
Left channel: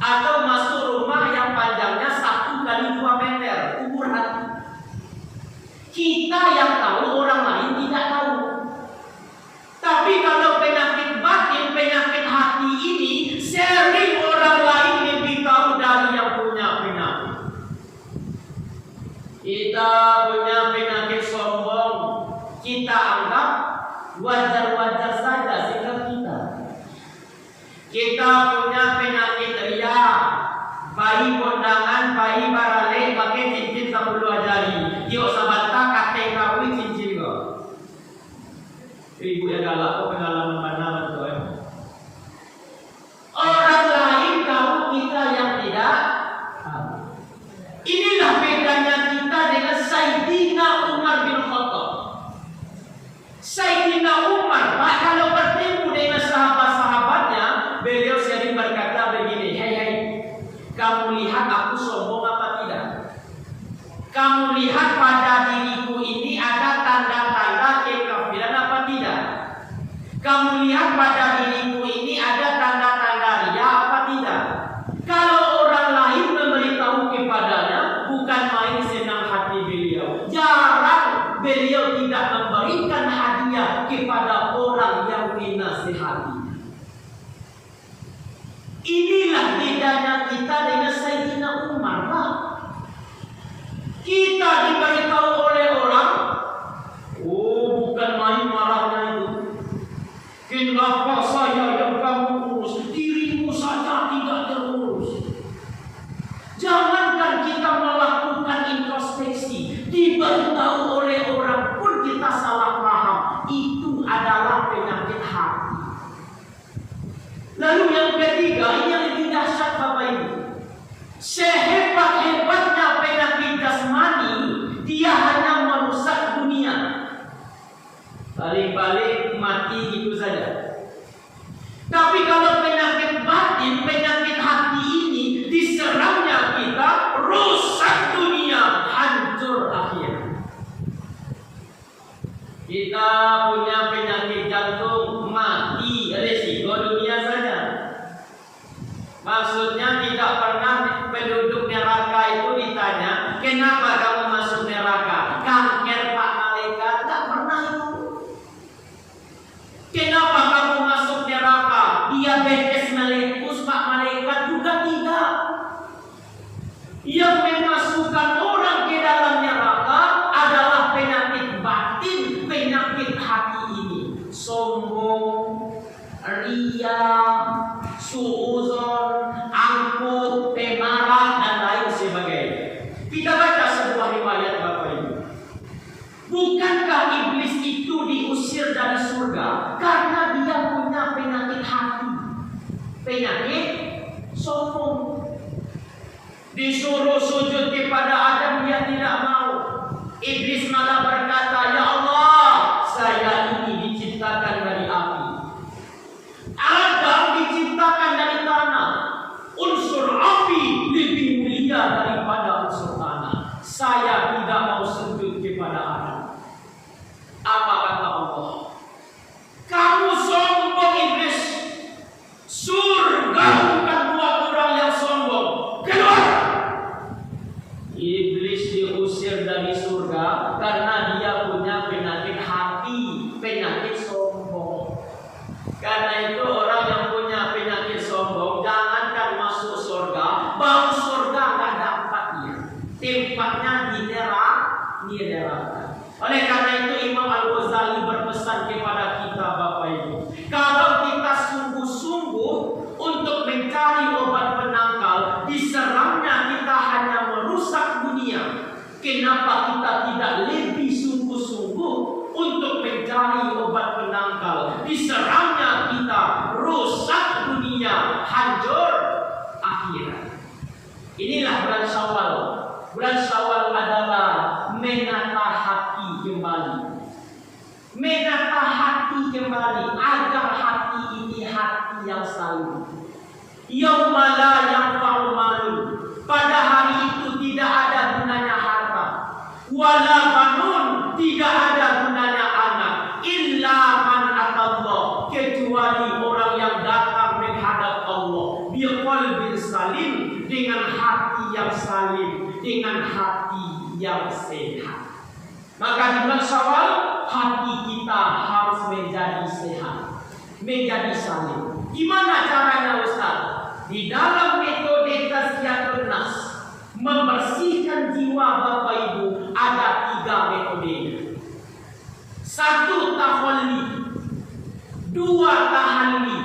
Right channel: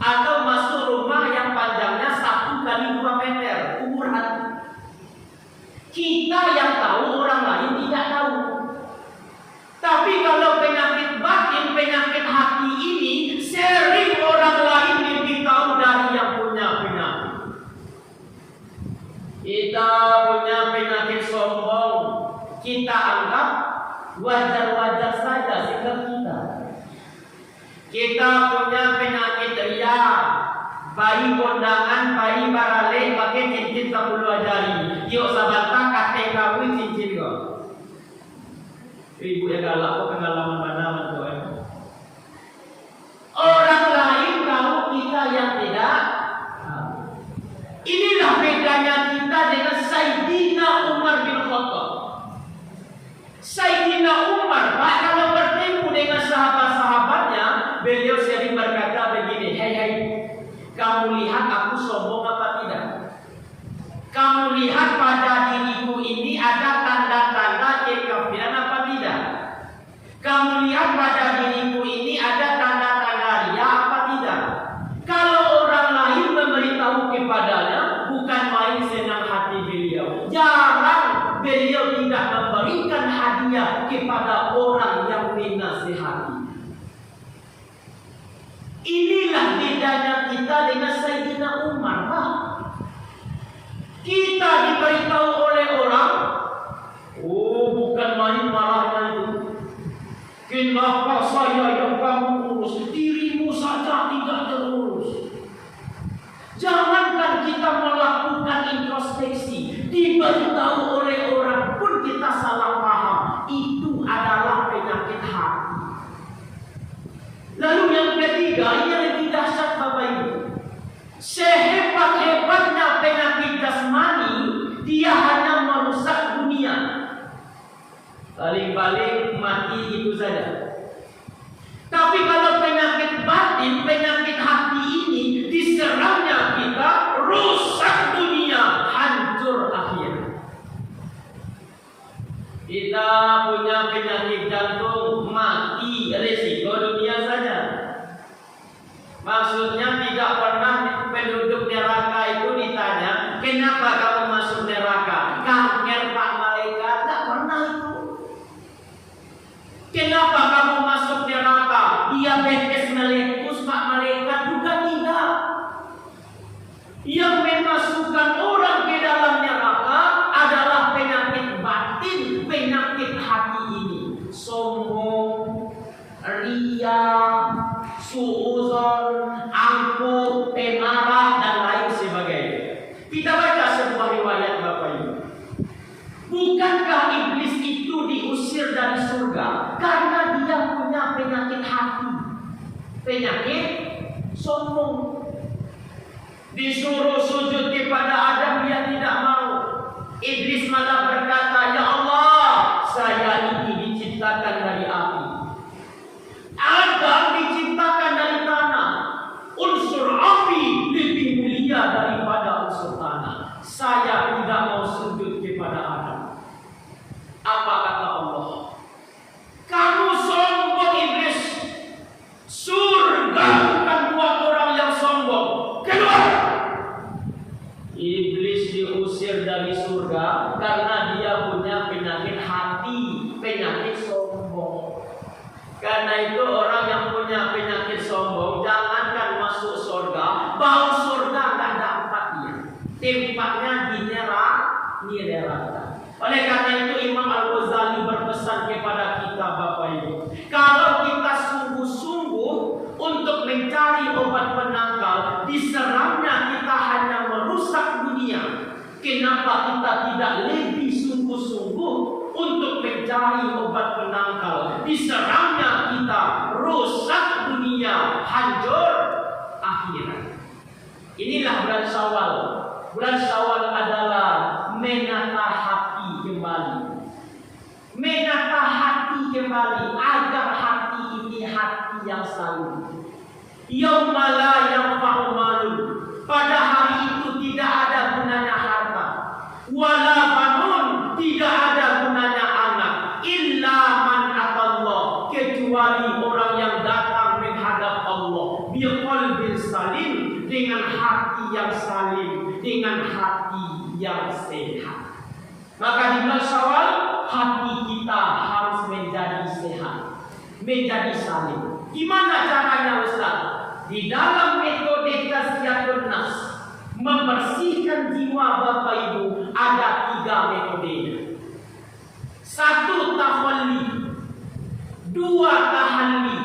atau masuk rumah yang panjangnya 1 kali 2 meter, kubur hati. Kita yang tahu, orang lain tidak tahu. Tapi kalau penyakit batin, penyakit hati ini sering orang lain lebih tahu dari yang punya penyakit. Kita punya penyakit sombong, kita anggap wajar-wajar saja sikap kita. Kita punya penyakit ria, bayi kondangan, bayi barale, pakai cincin 10 jari. Yuk sabata kate kawin cincin kok. Ibu yang galak kok pengalaman mana tuan? Orang lain tahu, kita yang tidak. Inilah bedanya kita dengan Sayyidina Umar bin Khattab. Sayyidina Umar, kalau bertemu dengan sahabat-sahabatnya, beliau sering berkata begini, hei, kamu lihat aku sombong apa tidak? Kamu lihat pada diriku ini ada tanda-tanda kekafiran apa tidak? Kamu lihat pada diriku ini ada tanda-tanda ria apa tidak? Kalau orang lain memberitahu kepadanya, bukan main senang hati beliau. Jarang beliau tidak memberikan hadiah kepada orang yang menasihati. Inilah bedanya kita dengan Sayyidina Umar, Pak. Kita diberitahu oleh orang, oh bukan main marahnya itu. Kenapa saya yang kamu urus, dirimu saja tidak terurus? Jangankan kita melakukan introspeksi, diberitahu oleh orang pun kita salah paham. Itu adalah penyakit hati. Lalu yang ketiga, yang lebih dahsyat Bapak Ibu, sehebat-hebatnya penyakit jasmani, dia hanya merusak dunia. Balik-balik mati itu saja. Tapi kalau penyakit batin, penyakit hati ini diserangnya kita, rusak dunia, hancur akhir. Kita punya penyakit jantung, mati, resiko dunia saja. Maksudnya tidak pernah penduduk neraka itu ditanya, kenapa kamu masuk neraka? Kanker Pak Malaikat, tidak pernah itu. Kenapa kamu masuk neraka? Diabetes meletus Pak Malaikat, juga tidak. Yang memasukkan orang ke dalam neraka adalah penyakit batin, penyakit hati ini. Sombong, ria, suuzon, angkuh, pemarah, dan lain sebagainya. Kita baca sebuah riwayat Bapak Ibu. Bukankah iblis itu diusir dari surga karena dia punya penyakit hati, penyakit sombong? Disuruh sujud kepada Adam, dia tidak mau. Iblis malah berkata, ya Allah, saya ini diciptakan dari api. Adam diciptakan dari tanah. Unsur api lebih mulia daripada unsur tanah. Saya tidak mau sujud kepada Adam. Apa kata Allah? menangkal, diserangnya kita, rusak dunia, hancur akhirat. Inilah bulan Syawal. Bulan Syawal adalah menata hati kembali. Menata hati kembali agar hati ini hati yang saleh. Yauma la yanfa'u malun. Pada hari itu tidak ada gunanya harta. Wala banun, tidak ada gunanya anak. Illa man atallah, kecuali orang yang datang menghadap Allah. Biqalbin salim, dengan hati yang salim, dengan hati yang sehat. Maka di bulan Syawal hati kita harus menjadi sehat, menjadi salim. Gimana caranya Ustaz? Di dalam metode tazkiyatun nafs, membersihkan jiwa Bapak Ibu, ada 3 metode. 1 tahalli, 2 tahalli,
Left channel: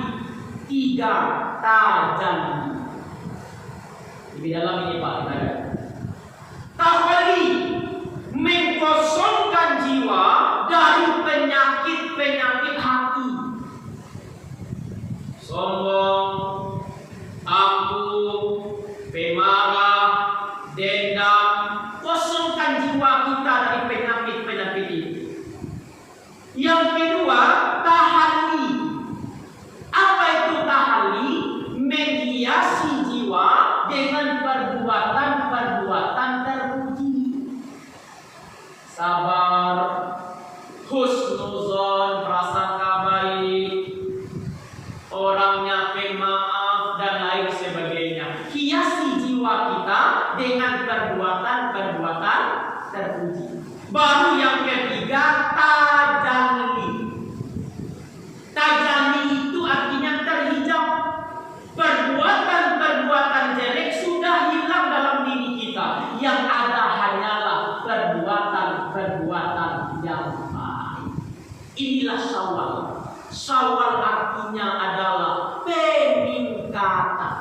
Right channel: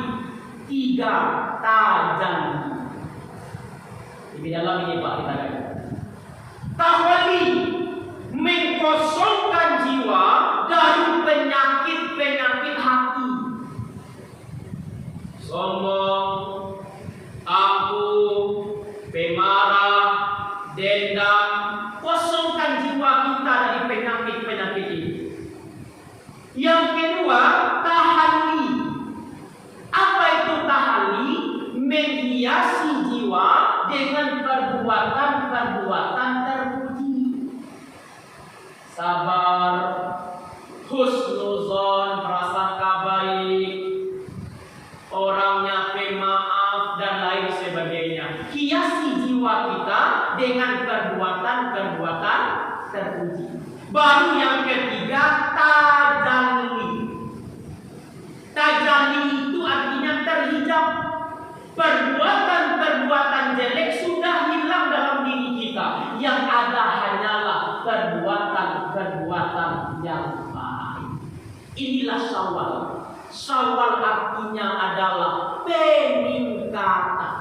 3 tajalli. Di dalam ini Pak, tahalli, mengkosongkan jiwa dari penyakit-penyakit hati. Sombong, angkuh, pemarah, dendam. Kosongkan jiwa kita dari penyakit-penyakit ini. Yang kedua, tahalli. Apa itu tahalli? Menghiasi jiwa dengan perbuatan-perbuatan terpuji. Sabar, husnuzon, prasangka baik, orangnya pemaaf dan lain sebagainya. Hiasi jiwa kita dengan perbuatan-perbuatan terpuji. Baru yang ketiga, tajalli. Tajalli itu artinya terhijab. Perbuatan-perbuatan jelek sudah hilang dalam diri kita. Yang ada hanyalah perbuatan-perbuatan yang baik. Inilah Syawal. Syawal artinya adalah peningkatan.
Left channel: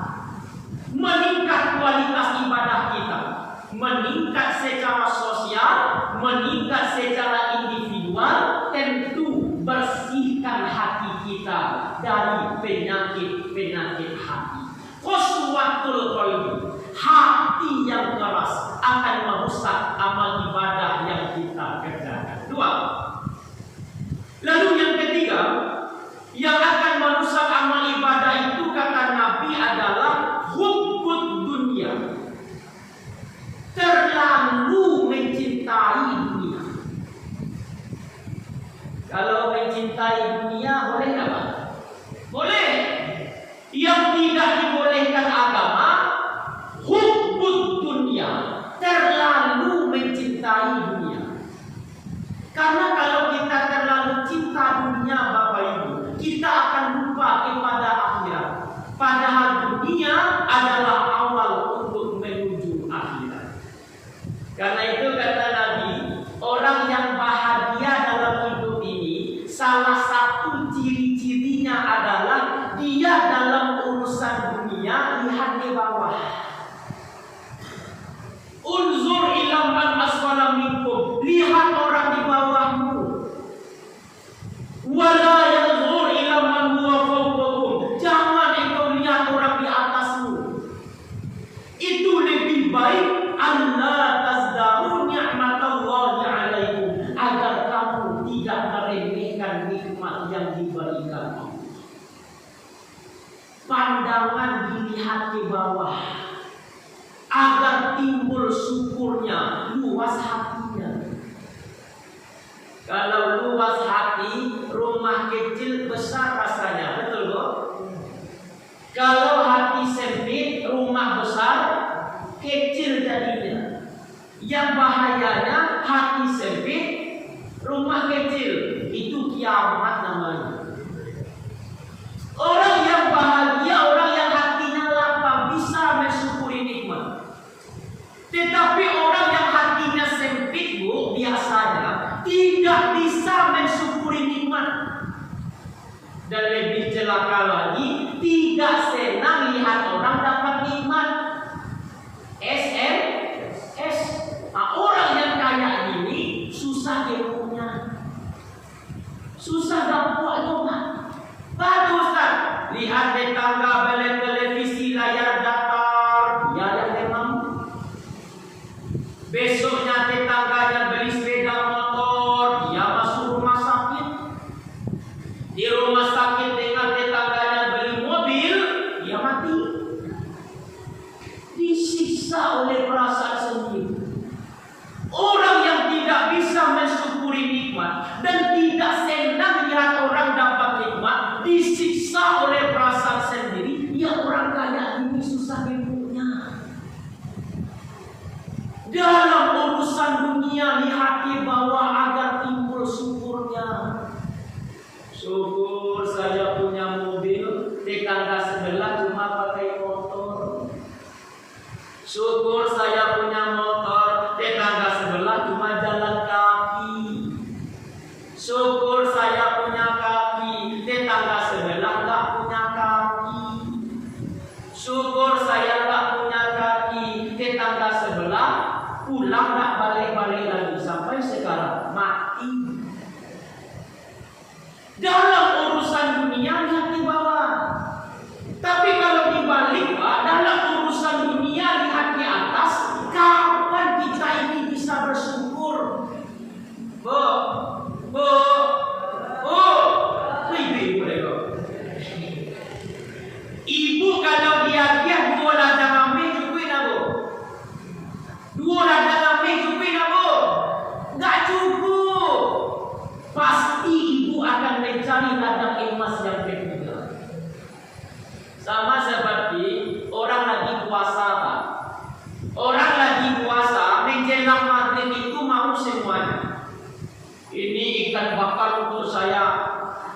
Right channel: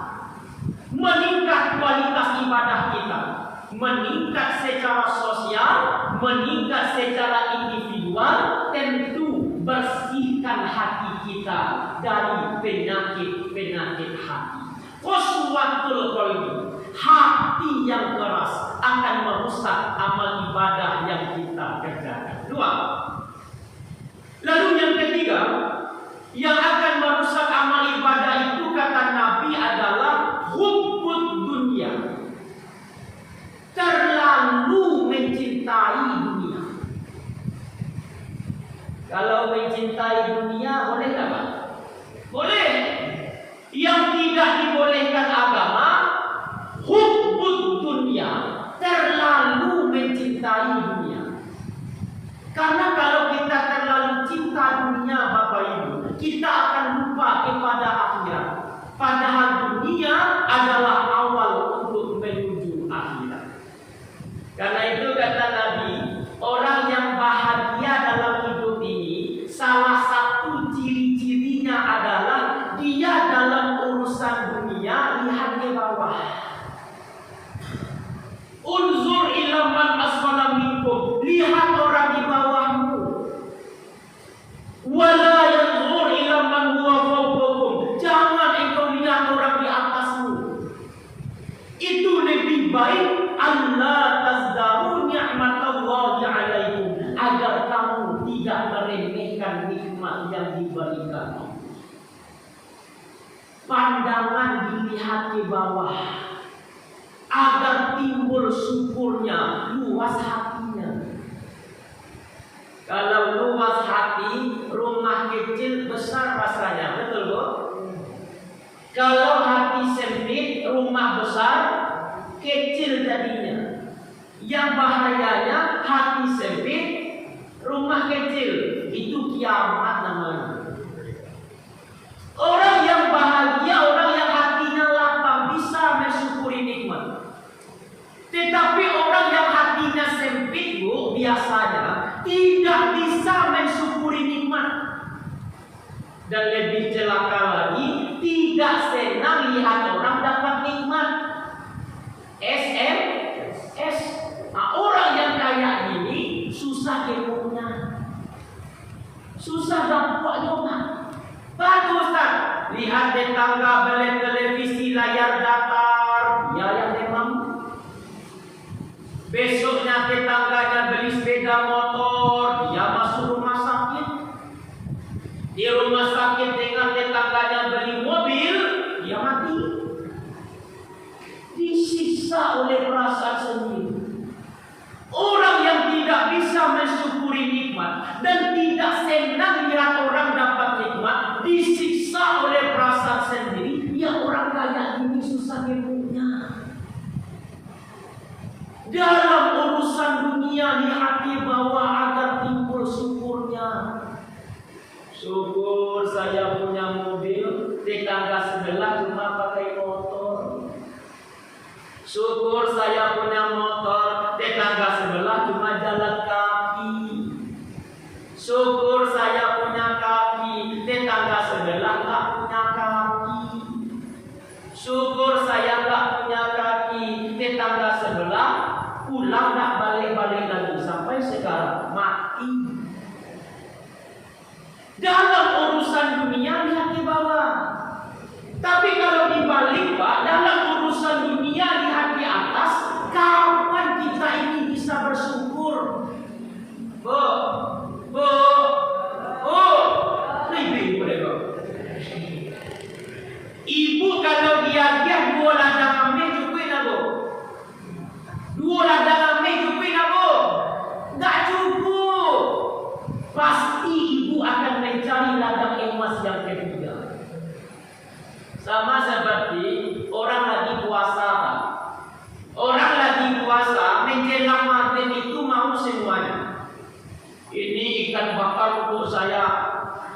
Meningkat kualitas ibadah kita. Meningkat secara sosial, meningkat secara individual. Tentu bersihkan hati kita dari penyakit-penyakit hati. Qaswatul qalbi, hati yang keras akan merusak amal ibadah yang kita kerjakan. 2. Lalu yang ketiga, yang akan merusak amal ibadah itu kata Nabi adalah hubbud dunia. Terlalu mencintai dunia. Kalau mencintai dunia boleh nggak? Boleh. Yang tidak dibolehkan agama, hubbud dunia, terlalu mencintai dunia. Karena kalau kita terlalu cinta dunia Bapak Ibu, kita akan lupa kepada akhirat. Padahal dunia adalah awal untuk menuju akhirat. Karena itu kata Nabi, orang yang bahagia dalam hidup ini, salah satu ciri-cirinya adalah dia dalam urusan dunia lihat ke bawah. Unzur ila man asfala minkum, lihat orang di bawahmu. Wala yanzur ila man huwa fawqakum, jangan engkau lihat orang di atasmu. Itu lebih baik Allah tazdaru ni'matallahi alaikum, agar kamu tidak meremehkan nikmat yang diberikan Allah. Pandangan dilihat ke bawah agar timbul syukurnya, luas hatinya. Kalau luas hati, rumah kecil besar rasanya, betul Bu? Kalau hati sempit, rumah besar kecil jadinya. Yang bahayanya hati sempit, rumah kecil, itu kiamat namanya. Orang yang bahagia, orang yang hatinya lapang, bisa mensyukuri nikmat. Tetapi orang yang hatinya sempit Bu, biasanya tidak bisa mensyukuri nikmat. Dan lebih celaka lagi, tidak senang lihat orang dapat nikmat. SMS. Nah, orang yang kaya ini susah ilmunya, Susah dapat juga. Bagus Ustaz. Lihat tetangga beli televisi layar datar, dia yang memang. Besoknya tetangganya beli sepeda motor, dia masuk rumah sakit. Di rumah sakit dengan tetangganya beli mobil, dia mati. Disiksa oleh perasaan sendiri. Orang yang tidak bisa mensyukuri nikmat dan tidak senang lihat orang dapat nikmat, disiksa oleh perasaan sendiri. Ya orang kaya ini susah hidupnya. Dalam urusan dunia lihat di bawah agar timbul syukurnya. Syukur saya punya mobil, tetangga sebelah cuma pakai motor. Syukur saya punya motor, tetangga sebelah cuma jalan kaki. Syukur saya punya kaki, tetangga sebelah tak punya kaki. Syukur saya tak punya kaki, tetangga sebelah pulang tak balik-balik lagi sampai sekarang mati. Dalam urusan dunia lihat di bawah. Tapi kalau dibalik Pak, dalam urusan dunia lihat di atas. Kapan kita ini bisa bersyukur? Bu, ibu deh. Ibu kalau dia 2 ladang ambil cukup nak bu? 2 ladang ambil cukup nak bu? Enggak cukup. Pasti ibu akan mencari ladang emas yang ketiga. Sama seperti orang lagi puasa. Orang lagi puasa menjelang maghrib itu mau semuanya. Ini ikan bakar untuk saya,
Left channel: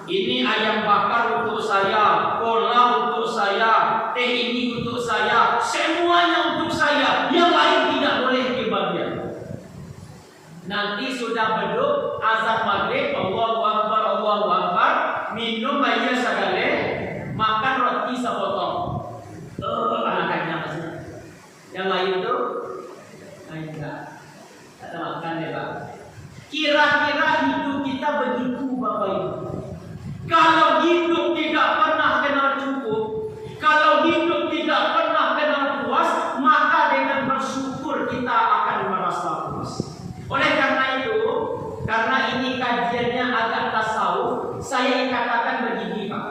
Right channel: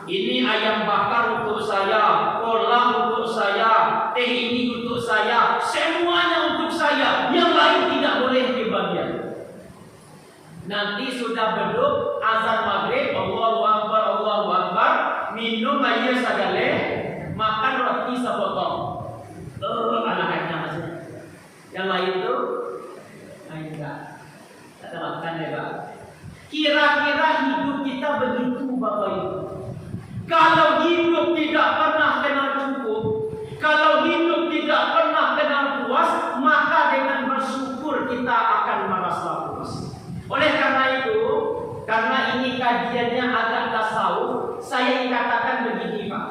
ini ayam bakar untuk saya, kolam untuk saya, teh ini untuk saya, semuanya untuk saya. Yang lain tidak boleh kebagian. Nanti sudah beduk azan maghrib, Allahu Akbar, Allahu Akbar, minum air segala, makan roti sepotong. Anak-anaknya maksudnya. Yang lain tuh, enggak. Tak terapkan ya Pak. Kira-kira hidup kita begitu Bapak Ibu. Kalau hidup tidak pernah kenal cukup, kalau hidup tidak pernah kenal puas, maka dengan bersyukur kita akan merasa puas. Oleh karena itu, karena ini kajiannya agak tasawuf, saya katakan begini Pak.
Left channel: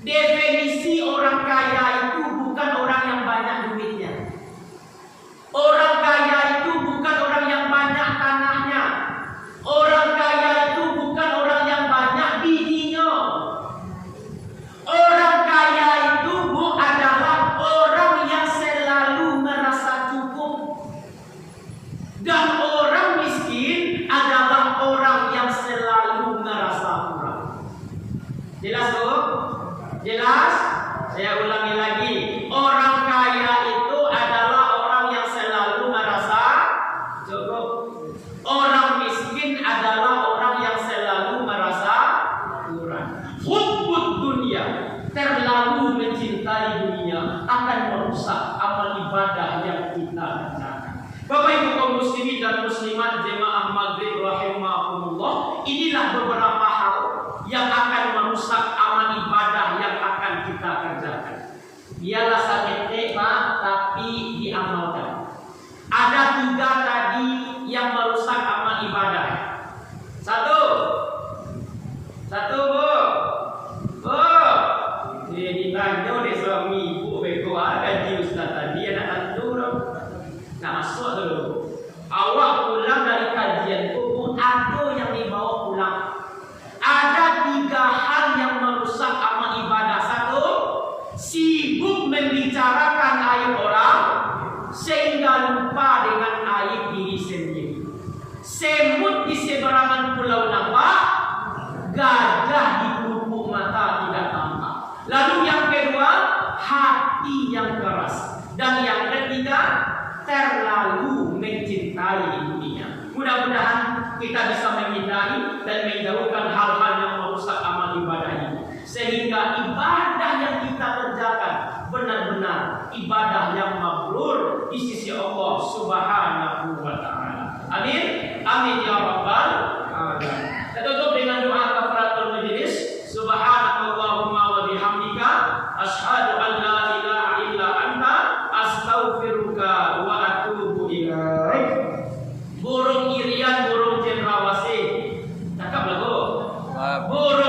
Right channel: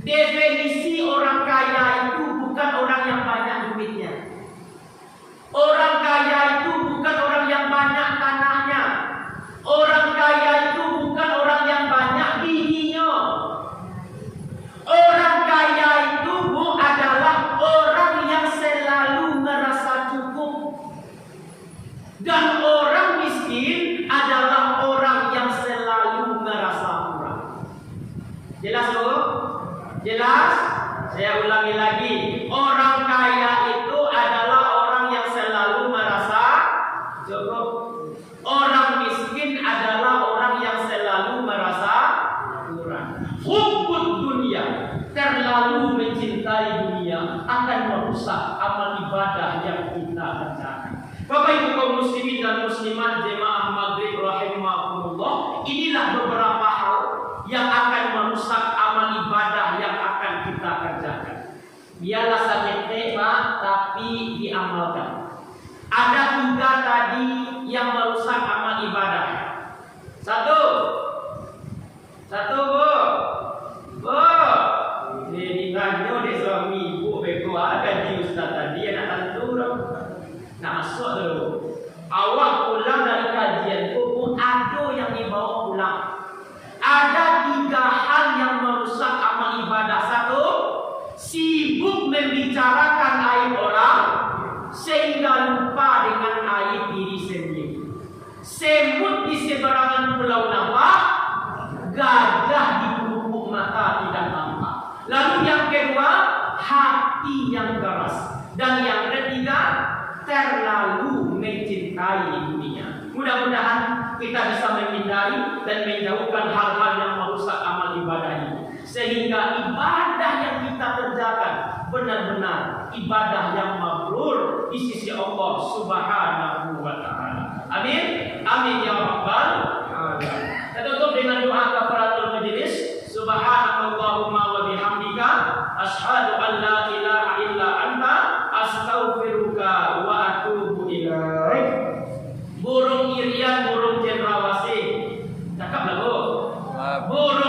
Definisi orang kaya itu bukan orang yang banyak duitnya. Orang kaya itu bukan orang yang banyak tanahnya. Orang kaya itu bukan orang yang banyak bijinya. Orang kaya itu adalah orang yang selalu merasa cukup. Dan orang miskin adalah orang yang selalu merasa kurang. Jelas Bu? Jelas? Saya ulangi lagi. Orang kaya itu adalah orang yang selalu merasa cukup. Orang miskin adalah orang yang selalu merasa kurang. Hubbud dunia, terlalu mencintai dunia akan merusak amal ibadah yang kita kerjakan. Bapak Ibu kaum muslimin dan muslimat jemaah maghrib rahimakumullah, inilah beberapa hal yang akan merusak amal ibadah yang akan kita kerjakan. Biarlah sakit tema tapi diamalkan. Ada 3 tadi yang merusak amal ibadah. Satu Bu. Jadi banyak deh suami ibu beko gaji ustaz tadi anak tentu dong. Nak masuk dulu. Awak pulang dari kajian itu ada yang dibawa pulang. Ada 3 hal yang merusak amal ibadah. Satu, sibuk membicarakan aib orang sehingga lupa dengan aib diri sendiri. Semut di seberangan pulau nampak, gajah di pelupuk mata tidak tampak. Lalu yang kedua, hati yang keras. Dan yang ketiga, terlalu mencintai dunia. Mudah-mudahan kita bisa menghindari dan menjauhkan hal-hal yang merusak amal ibadah ini, sehingga ibadah yang kita kerjakan benar-benar ibadah yang mabrur di sisi Allah Subhanahu wa taala. Amin. Amin ya rabbal alamin. Kita tutup dengan doa kafaratul Guru